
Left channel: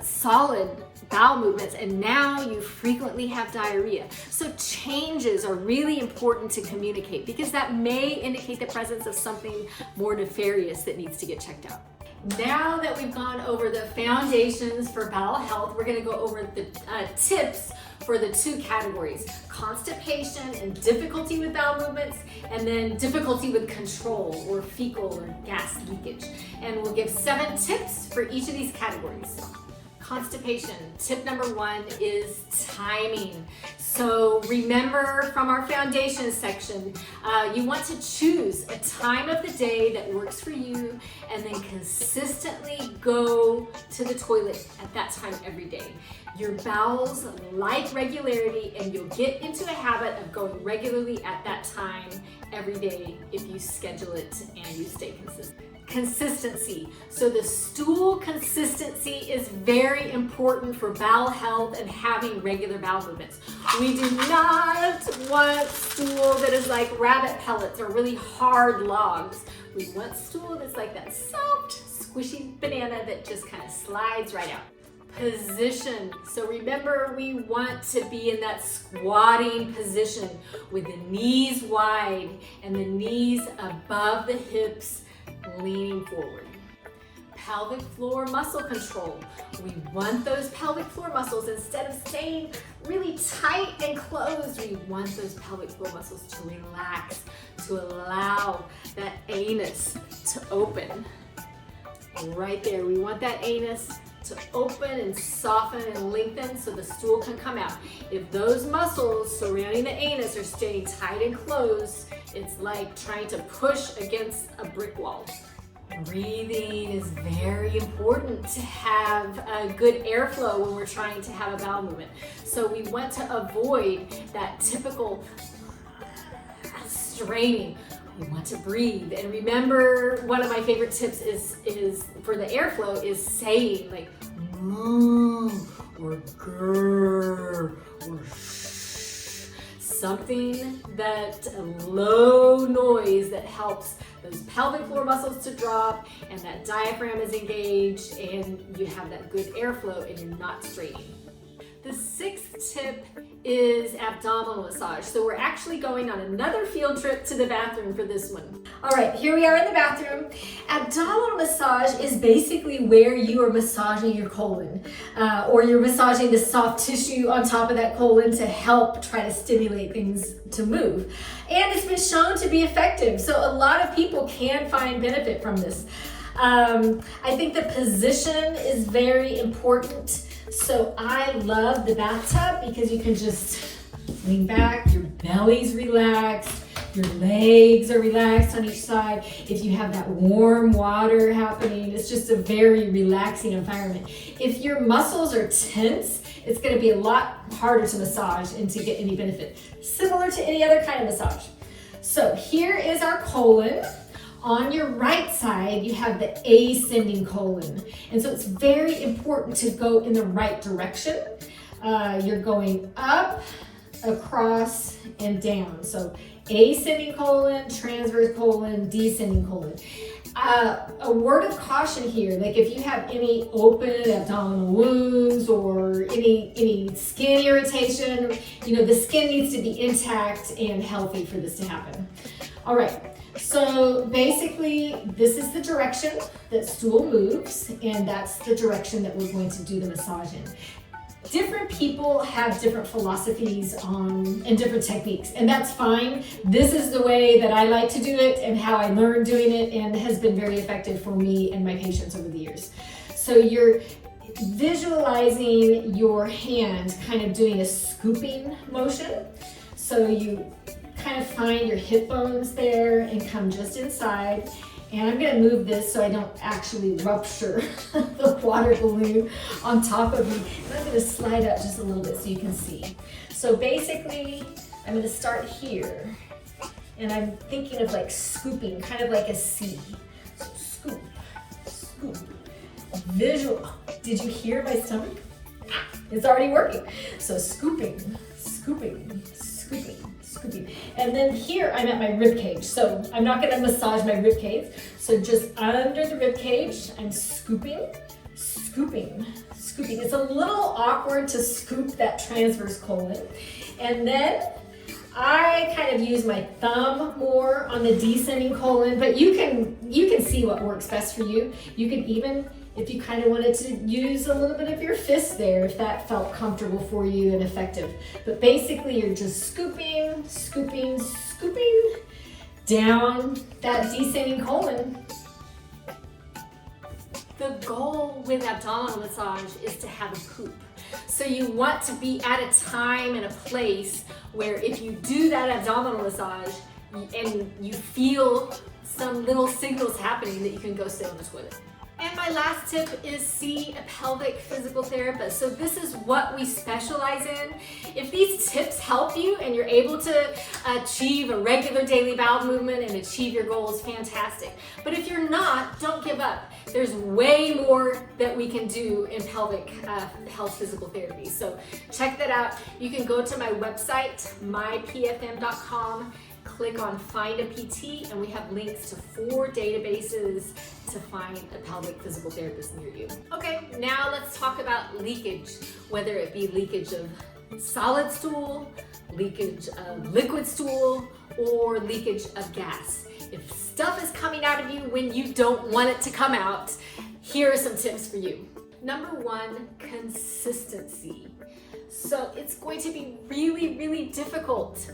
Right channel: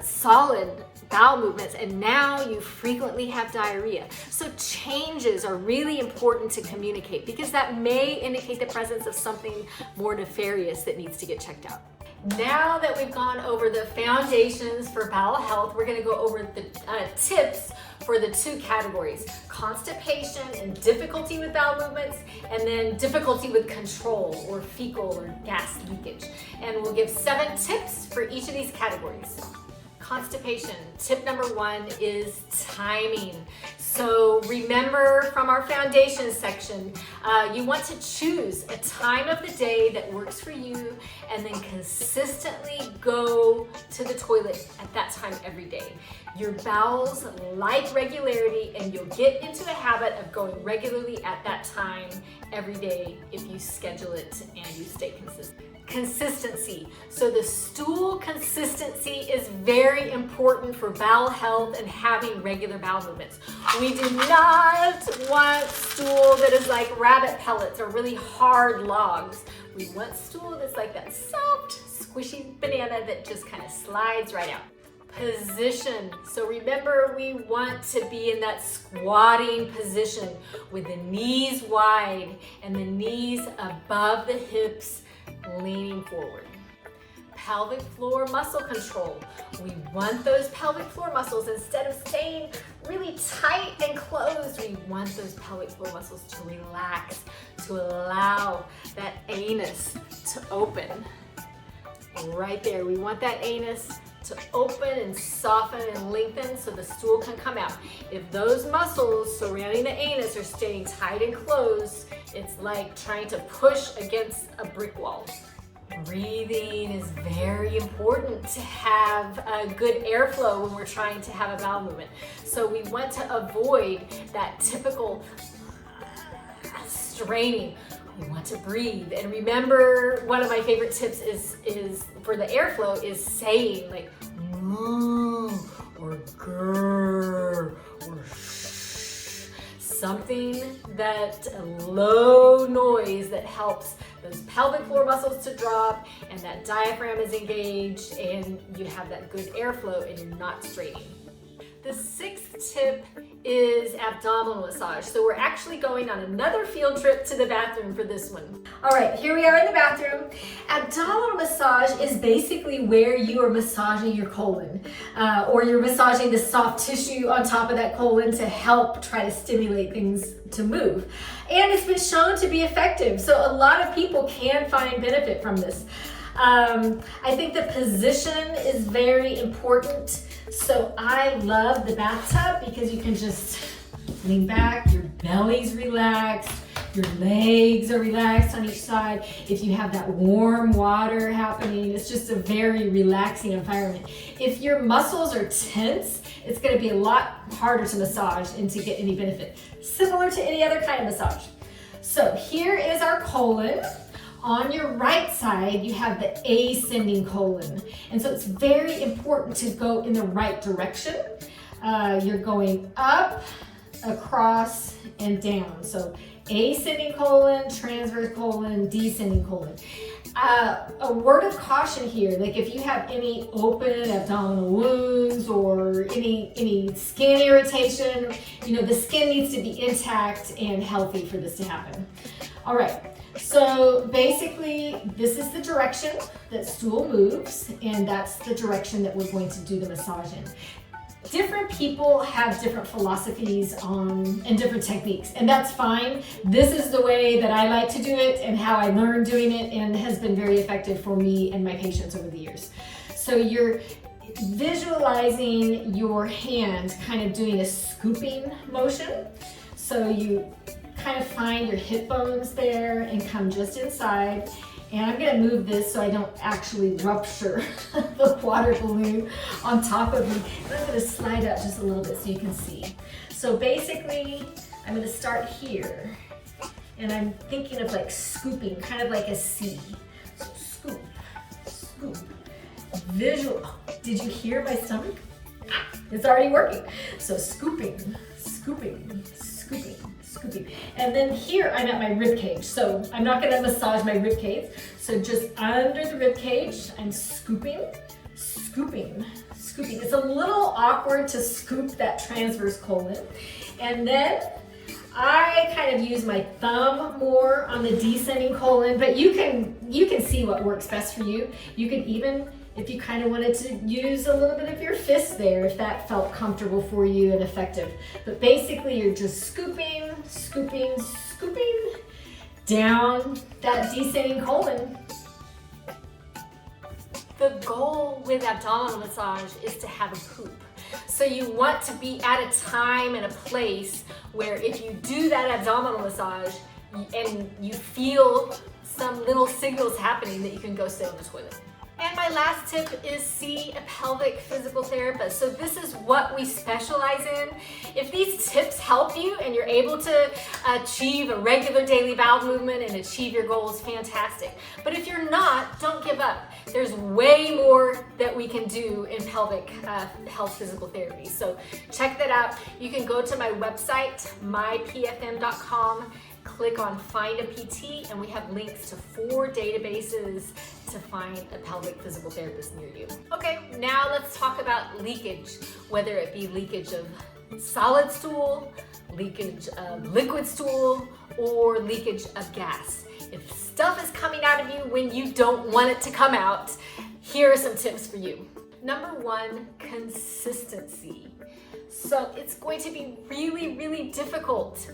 solid bowel movements and now you frequently have diarrhea. So changes are really important to communicate because that may indicate the presence of something more nefarious that needs to get checked out. Now that we've gone over the foundations for bowel health, we're going to go over the tips for the 2 categories: constipation and difficulty with bowel movements, and then difficulty with control or fecal or gas leakage. And we'll give 7 tips for each of these categories. Constipation, tip number 1 is timing. So remember from our foundation section, you want to choose a time of the day that works for you and then consistently go to the toilet at that time every day. Your bowels like regularity, and you'll get into a habit of going regularly at that time every day if you schedule it and you stay consistent. Consistency. So the stool consistency is very important for bowel health and having regular bowel movements. We do not want stool that is like rabbit pellets or really hard logs. We want stool that's like that soft, squishy banana that just kind of slides right out. Position. So remember, we want to be in that squatting position with the knees wide and the knees above the hips, leaning forward. pelvic floor muscle control. We want those pelvic floor muscles, instead of staying really tight and closed, we want those pelvic floor muscles to relax, to allow that anus to open. Right there, we want that anus to open and soften and lengthen so the stool can come out. If those muscles surrounding the anus are staying tight and closed, it's like trying to push against a brick wall. Breathing is very important to have a good airflow when we're trying to have a bowel movement. So we want to avoid that typical straining. We want to breathe. And remember, one of my favorite tips is for the airflow is saying like moo or grr or shh. Something that a low noise that helps those pelvic floor muscles to drop and that diaphragm is engaged and you have that good airflow and you're not straining. The sixth tip is abdominal massage. So we're actually going on another field trip to the bathroom for this one. All right, here we are in the bathroom. Abdominal massage is basically where you are massaging your colon, or you're massaging the soft tissue on top of that colon to help try to stimulate things to move. And it's been shown to be effective. So a lot of people can find benefit from this. I think the position is very important. So I love the bathtub because you can just lean back, your belly's relaxed, your legs are relaxed on each side. If you have that warm water happening, it's just a very relaxing environment. If your muscles are tense, it's going to be a lot harder to massage and to get any benefit, similar to any other kind of massage. So here is our colon. On your right side, you have the ascending colon. And so it's very important to go in the right direction. You're going up, across, and down. So ascending colon, transverse colon, descending colon. A word of caution here, like if you have any open abdominal wounds or any skin irritation, the skin needs to be intact and healthy for this to happen. All right. So basically, this is the direction that stool moves, and that's the direction that we're going to do the massage in. Different people have different philosophies and different techniques, and that's fine. This is the way that I like to do it and how I learned doing it, and has been very effective for me and my patients over the years. So you're visualizing your hand kind of doing a scooping motion. So you kind of find your hip bones there and come just inside. And I'm going to move this so I don't actually rupture the water balloon on top of me. And I'm going to slide up just a little bit so you can see. So basically, I'm going to start here. And I'm thinking of like scooping, kind of like a C. So scoop, scoop. Visual. Did you hear my stomach? It's already working. So scooping, scooping, scooping. And then here I'm at my rib cage. So I'm not going to massage my rib cage. So just under the rib cage, I'm scooping, scooping, scooping. It's a little awkward to scoop that transverse colon. And then I kind of use my thumb more on the descending colon, but you can see what works best for you. You can even, if you kind of wanted to use a little bit of your fist there, if that felt comfortable for you and effective. But basically you're just scooping, scooping, scooping down that descending colon. The goal with abdominal massage is to have a poop. So you want to be at a time and a place where if you do that abdominal massage and you feel some little signals happening, that you can go sit on the toilet. And my last tip is see a pelvic physical therapist. So this is what we specialize in. If these tips help you and you're able to achieve a regular daily bowel movement and achieve your goals, fantastic. But if you're not, don't give up. There's way more that we can do in pelvic health physical therapy. So check that out. You can go to my website, mypfm.com, click on Find a PT, and we have links to 4 databases to find a pelvic physical therapist near you. Okay, now let's talk about leakage, whether it be leakage of solid stool, leakage of liquid stool, or leakage of gas. If stuff is coming out of you when you don't want it to come out, here are some tips for you. Number one, consistency. So it's going to be really, really difficult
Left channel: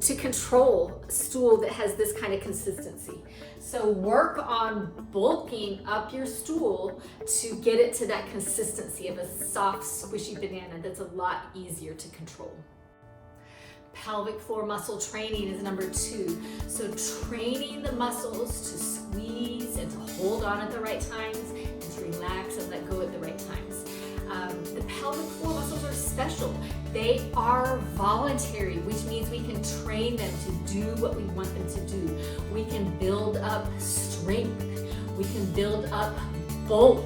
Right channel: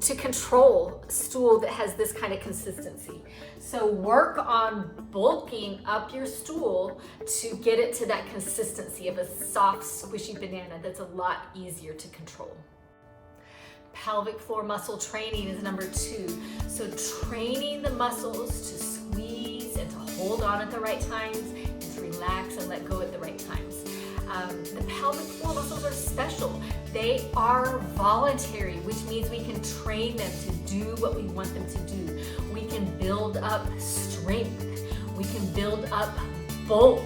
to control a stool that has this kind of consistency. So work on bulking up your stool to get it to that consistency of a soft, squishy banana that's a lot easier to control. Pelvic floor muscle training is number two. So training the muscles to squeeze and to hold on at the right times and to relax and let go at the right times. The pelvic floor muscles are special. They are voluntary, which means we can train them to do what we want them to do. We can build up strength. We can build up bulk.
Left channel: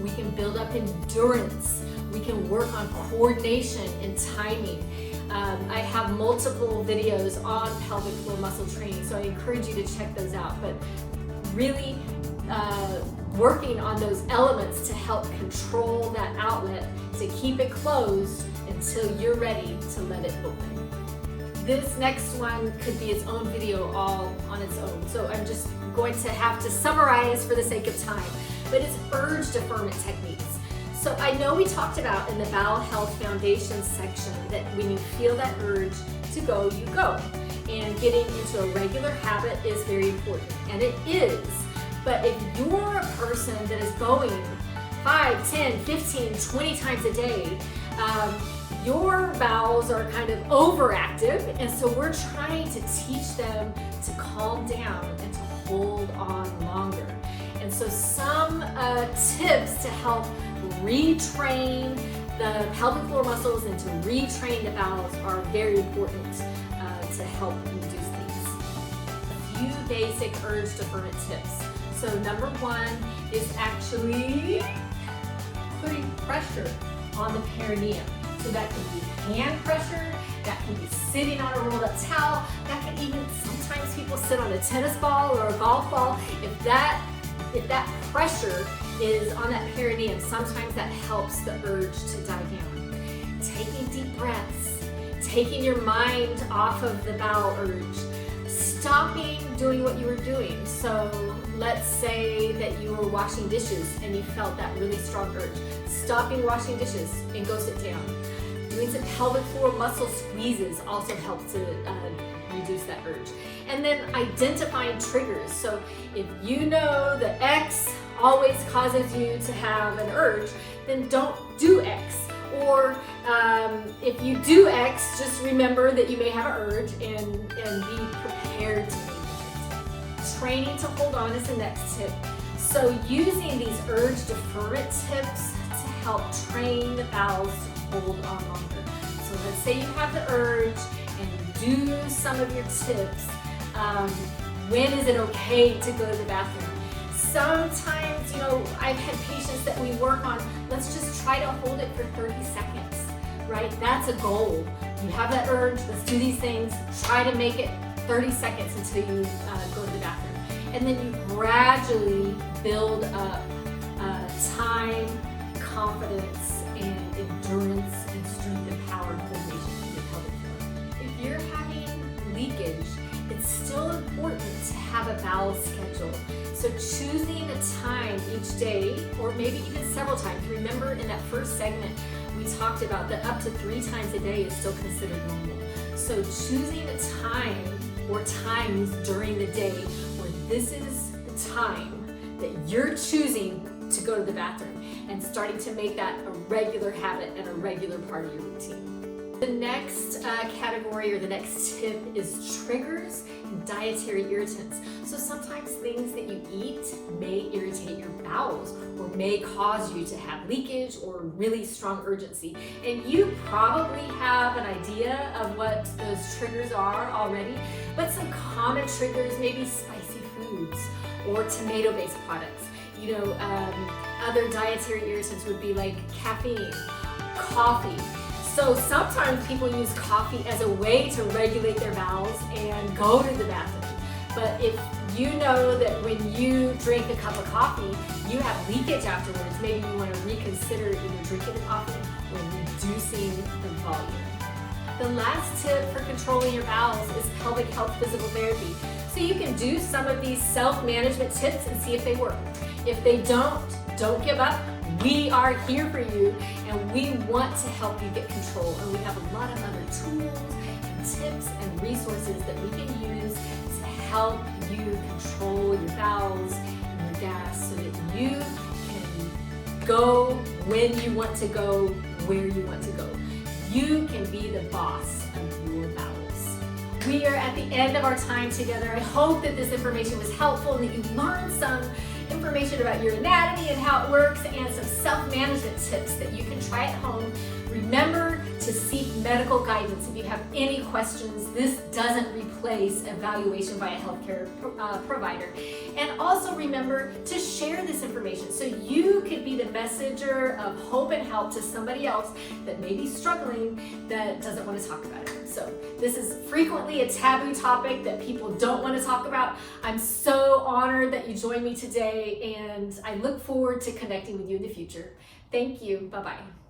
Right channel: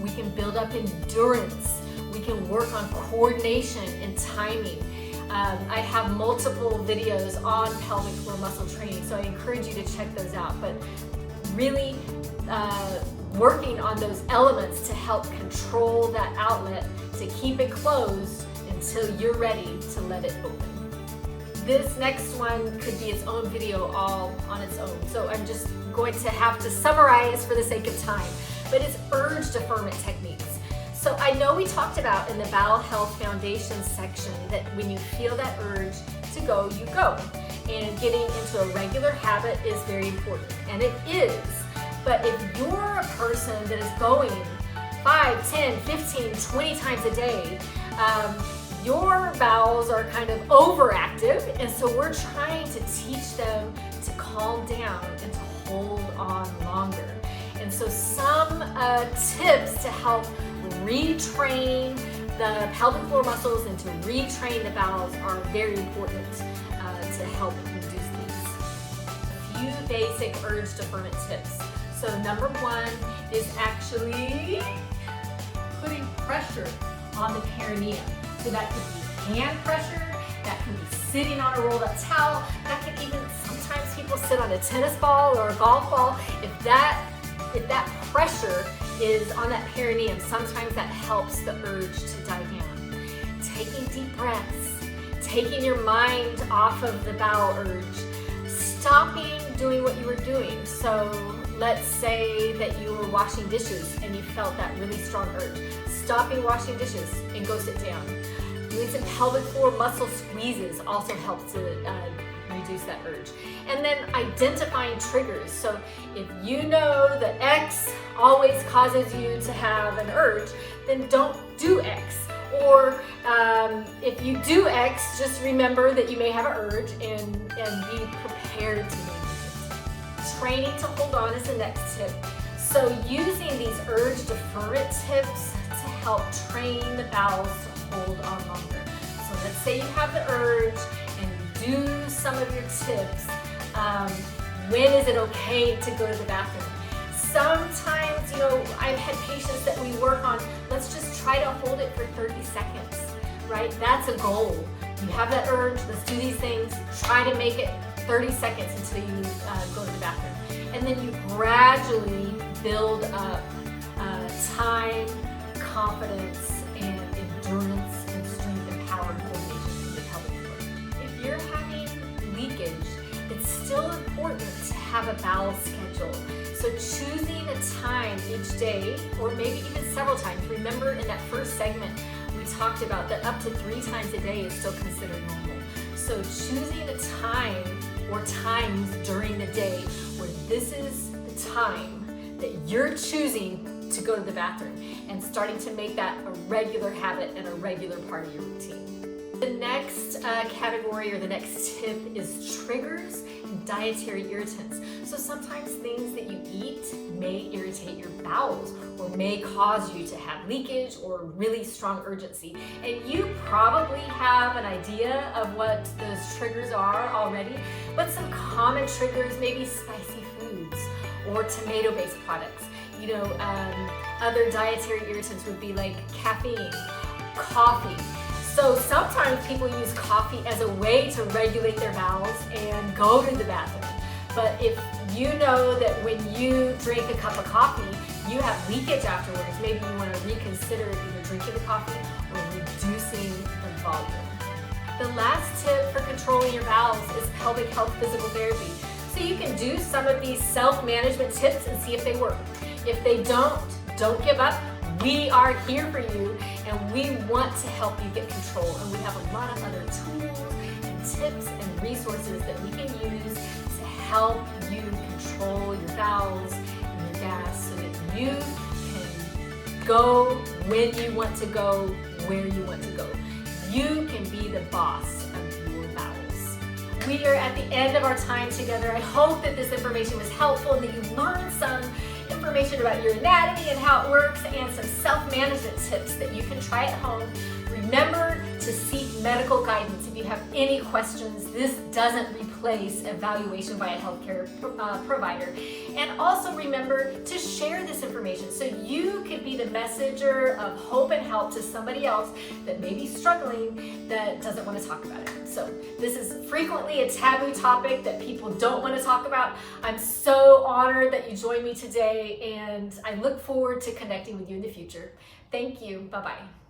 We can build up endurance. We can work on coordination and timing. I have multiple videos on pelvic floor muscle training, so I encourage you to check those out. But really working on those elements to help control that outlet, to keep it closed until you're ready to let it open. This next one could be its own video all on its own, so I'm just going to have to summarize for the sake of time. But it's urge deferment techniques. So I know we talked about in the Bowel Health Foundation section that when you feel that urge to go, you go. And getting into a regular habit is very important, and it is. But if you're a person that is going 5, 10, 15, 20 times a day, your bowels are kind of overactive, and so we're trying to teach them to calm down and to hold on longer. And so some tips to help retrain the pelvic floor muscles and to retrain the bowels are very important to help reduce these. A few basic urge deferment tips. So number one is actually putting pressure on the perineum. So that could be hand pressure, that could be sitting on a rolled up towel, that could even, sometimes people sit on a tennis ball or a golf ball. If that pressure is on that perineum, sometimes that helps the urge to die down. Taking deep breaths, taking your mind off of the bowel urge, stopping doing what you were doing. So let's say that you were washing dishes and you felt that really strong urge. Stopping washing dishes and go sit down. Doing some pelvic floor muscle squeezes also helps to reduce that urge. And then identifying triggers. So if you know that X always causes you to have an urge, then don't do X. Or if you do X, just remember that you may have an urge and be prepared to manage it. Training to hold on is the next tip. So using these urge deferment tips to help train the bowels to hold on longer. So let's say you have the urge and do some of your tips. When is it okay to go to the bathroom? Sometimes, I've had patients that we work on, let's just try to hold it for 30 seconds, right? That's a goal. You have that urge, let's do these things, try to make it 30 seconds until you go to the bathroom. And then you gradually build up time, confidence, and endurance and strength and power to the pelvic floor. If you're having leakage, it's still important to have a bowel schedule. So choosing a time each day, or maybe even several times. Remember in that first segment, we talked about that up to 3 times a day is still considered normal. So choosing a time or times during the day where this is the time that you're choosing to go to the bathroom and starting to make that a regular habit and a regular part of your routine. The next category or the next tip is triggers and dietary irritants. So sometimes things that you eat may irritate your bowels or may cause you to have leakage or really strong urgency. And you probably have an idea of what those triggers are already, but some common triggers may be spicy foods or tomato-based products. Other dietary irritants would be like caffeine, coffee. So sometimes people use coffee as a way to regulate their bowels and go to the bathroom. But if you know that when you drink a cup of coffee, you have leakage afterwards, maybe you want to reconsider either drinking the coffee or reducing the volume. The last tip for controlling your bowels is pelvic health physical therapy. So you can do some of these self-management tips and see if they work. If they don't, don't give up. We are here for you, and we want to help you get control. And we have a lot of other tools and tips and resources that we can use to help you control your bowels and your gas so that you can go when you want to go, where you want to go. You can be the boss of your bowels. We are at the end of our time together. I hope that this information was helpful and that you learned some information about your anatomy and how it works and some self-management tips that you can try at home. Remember to seek medical guidance if you have any questions. This doesn't replace evaluation by a healthcare provider. And also remember to share this information so you could be the messenger of hope and help to somebody else that may be struggling that doesn't want to talk about it. So this is frequently a taboo topic that people don't want to talk about. I'm so honored that you joined me today, and I look forward to connecting with you in the future. Thank you. Bye-bye.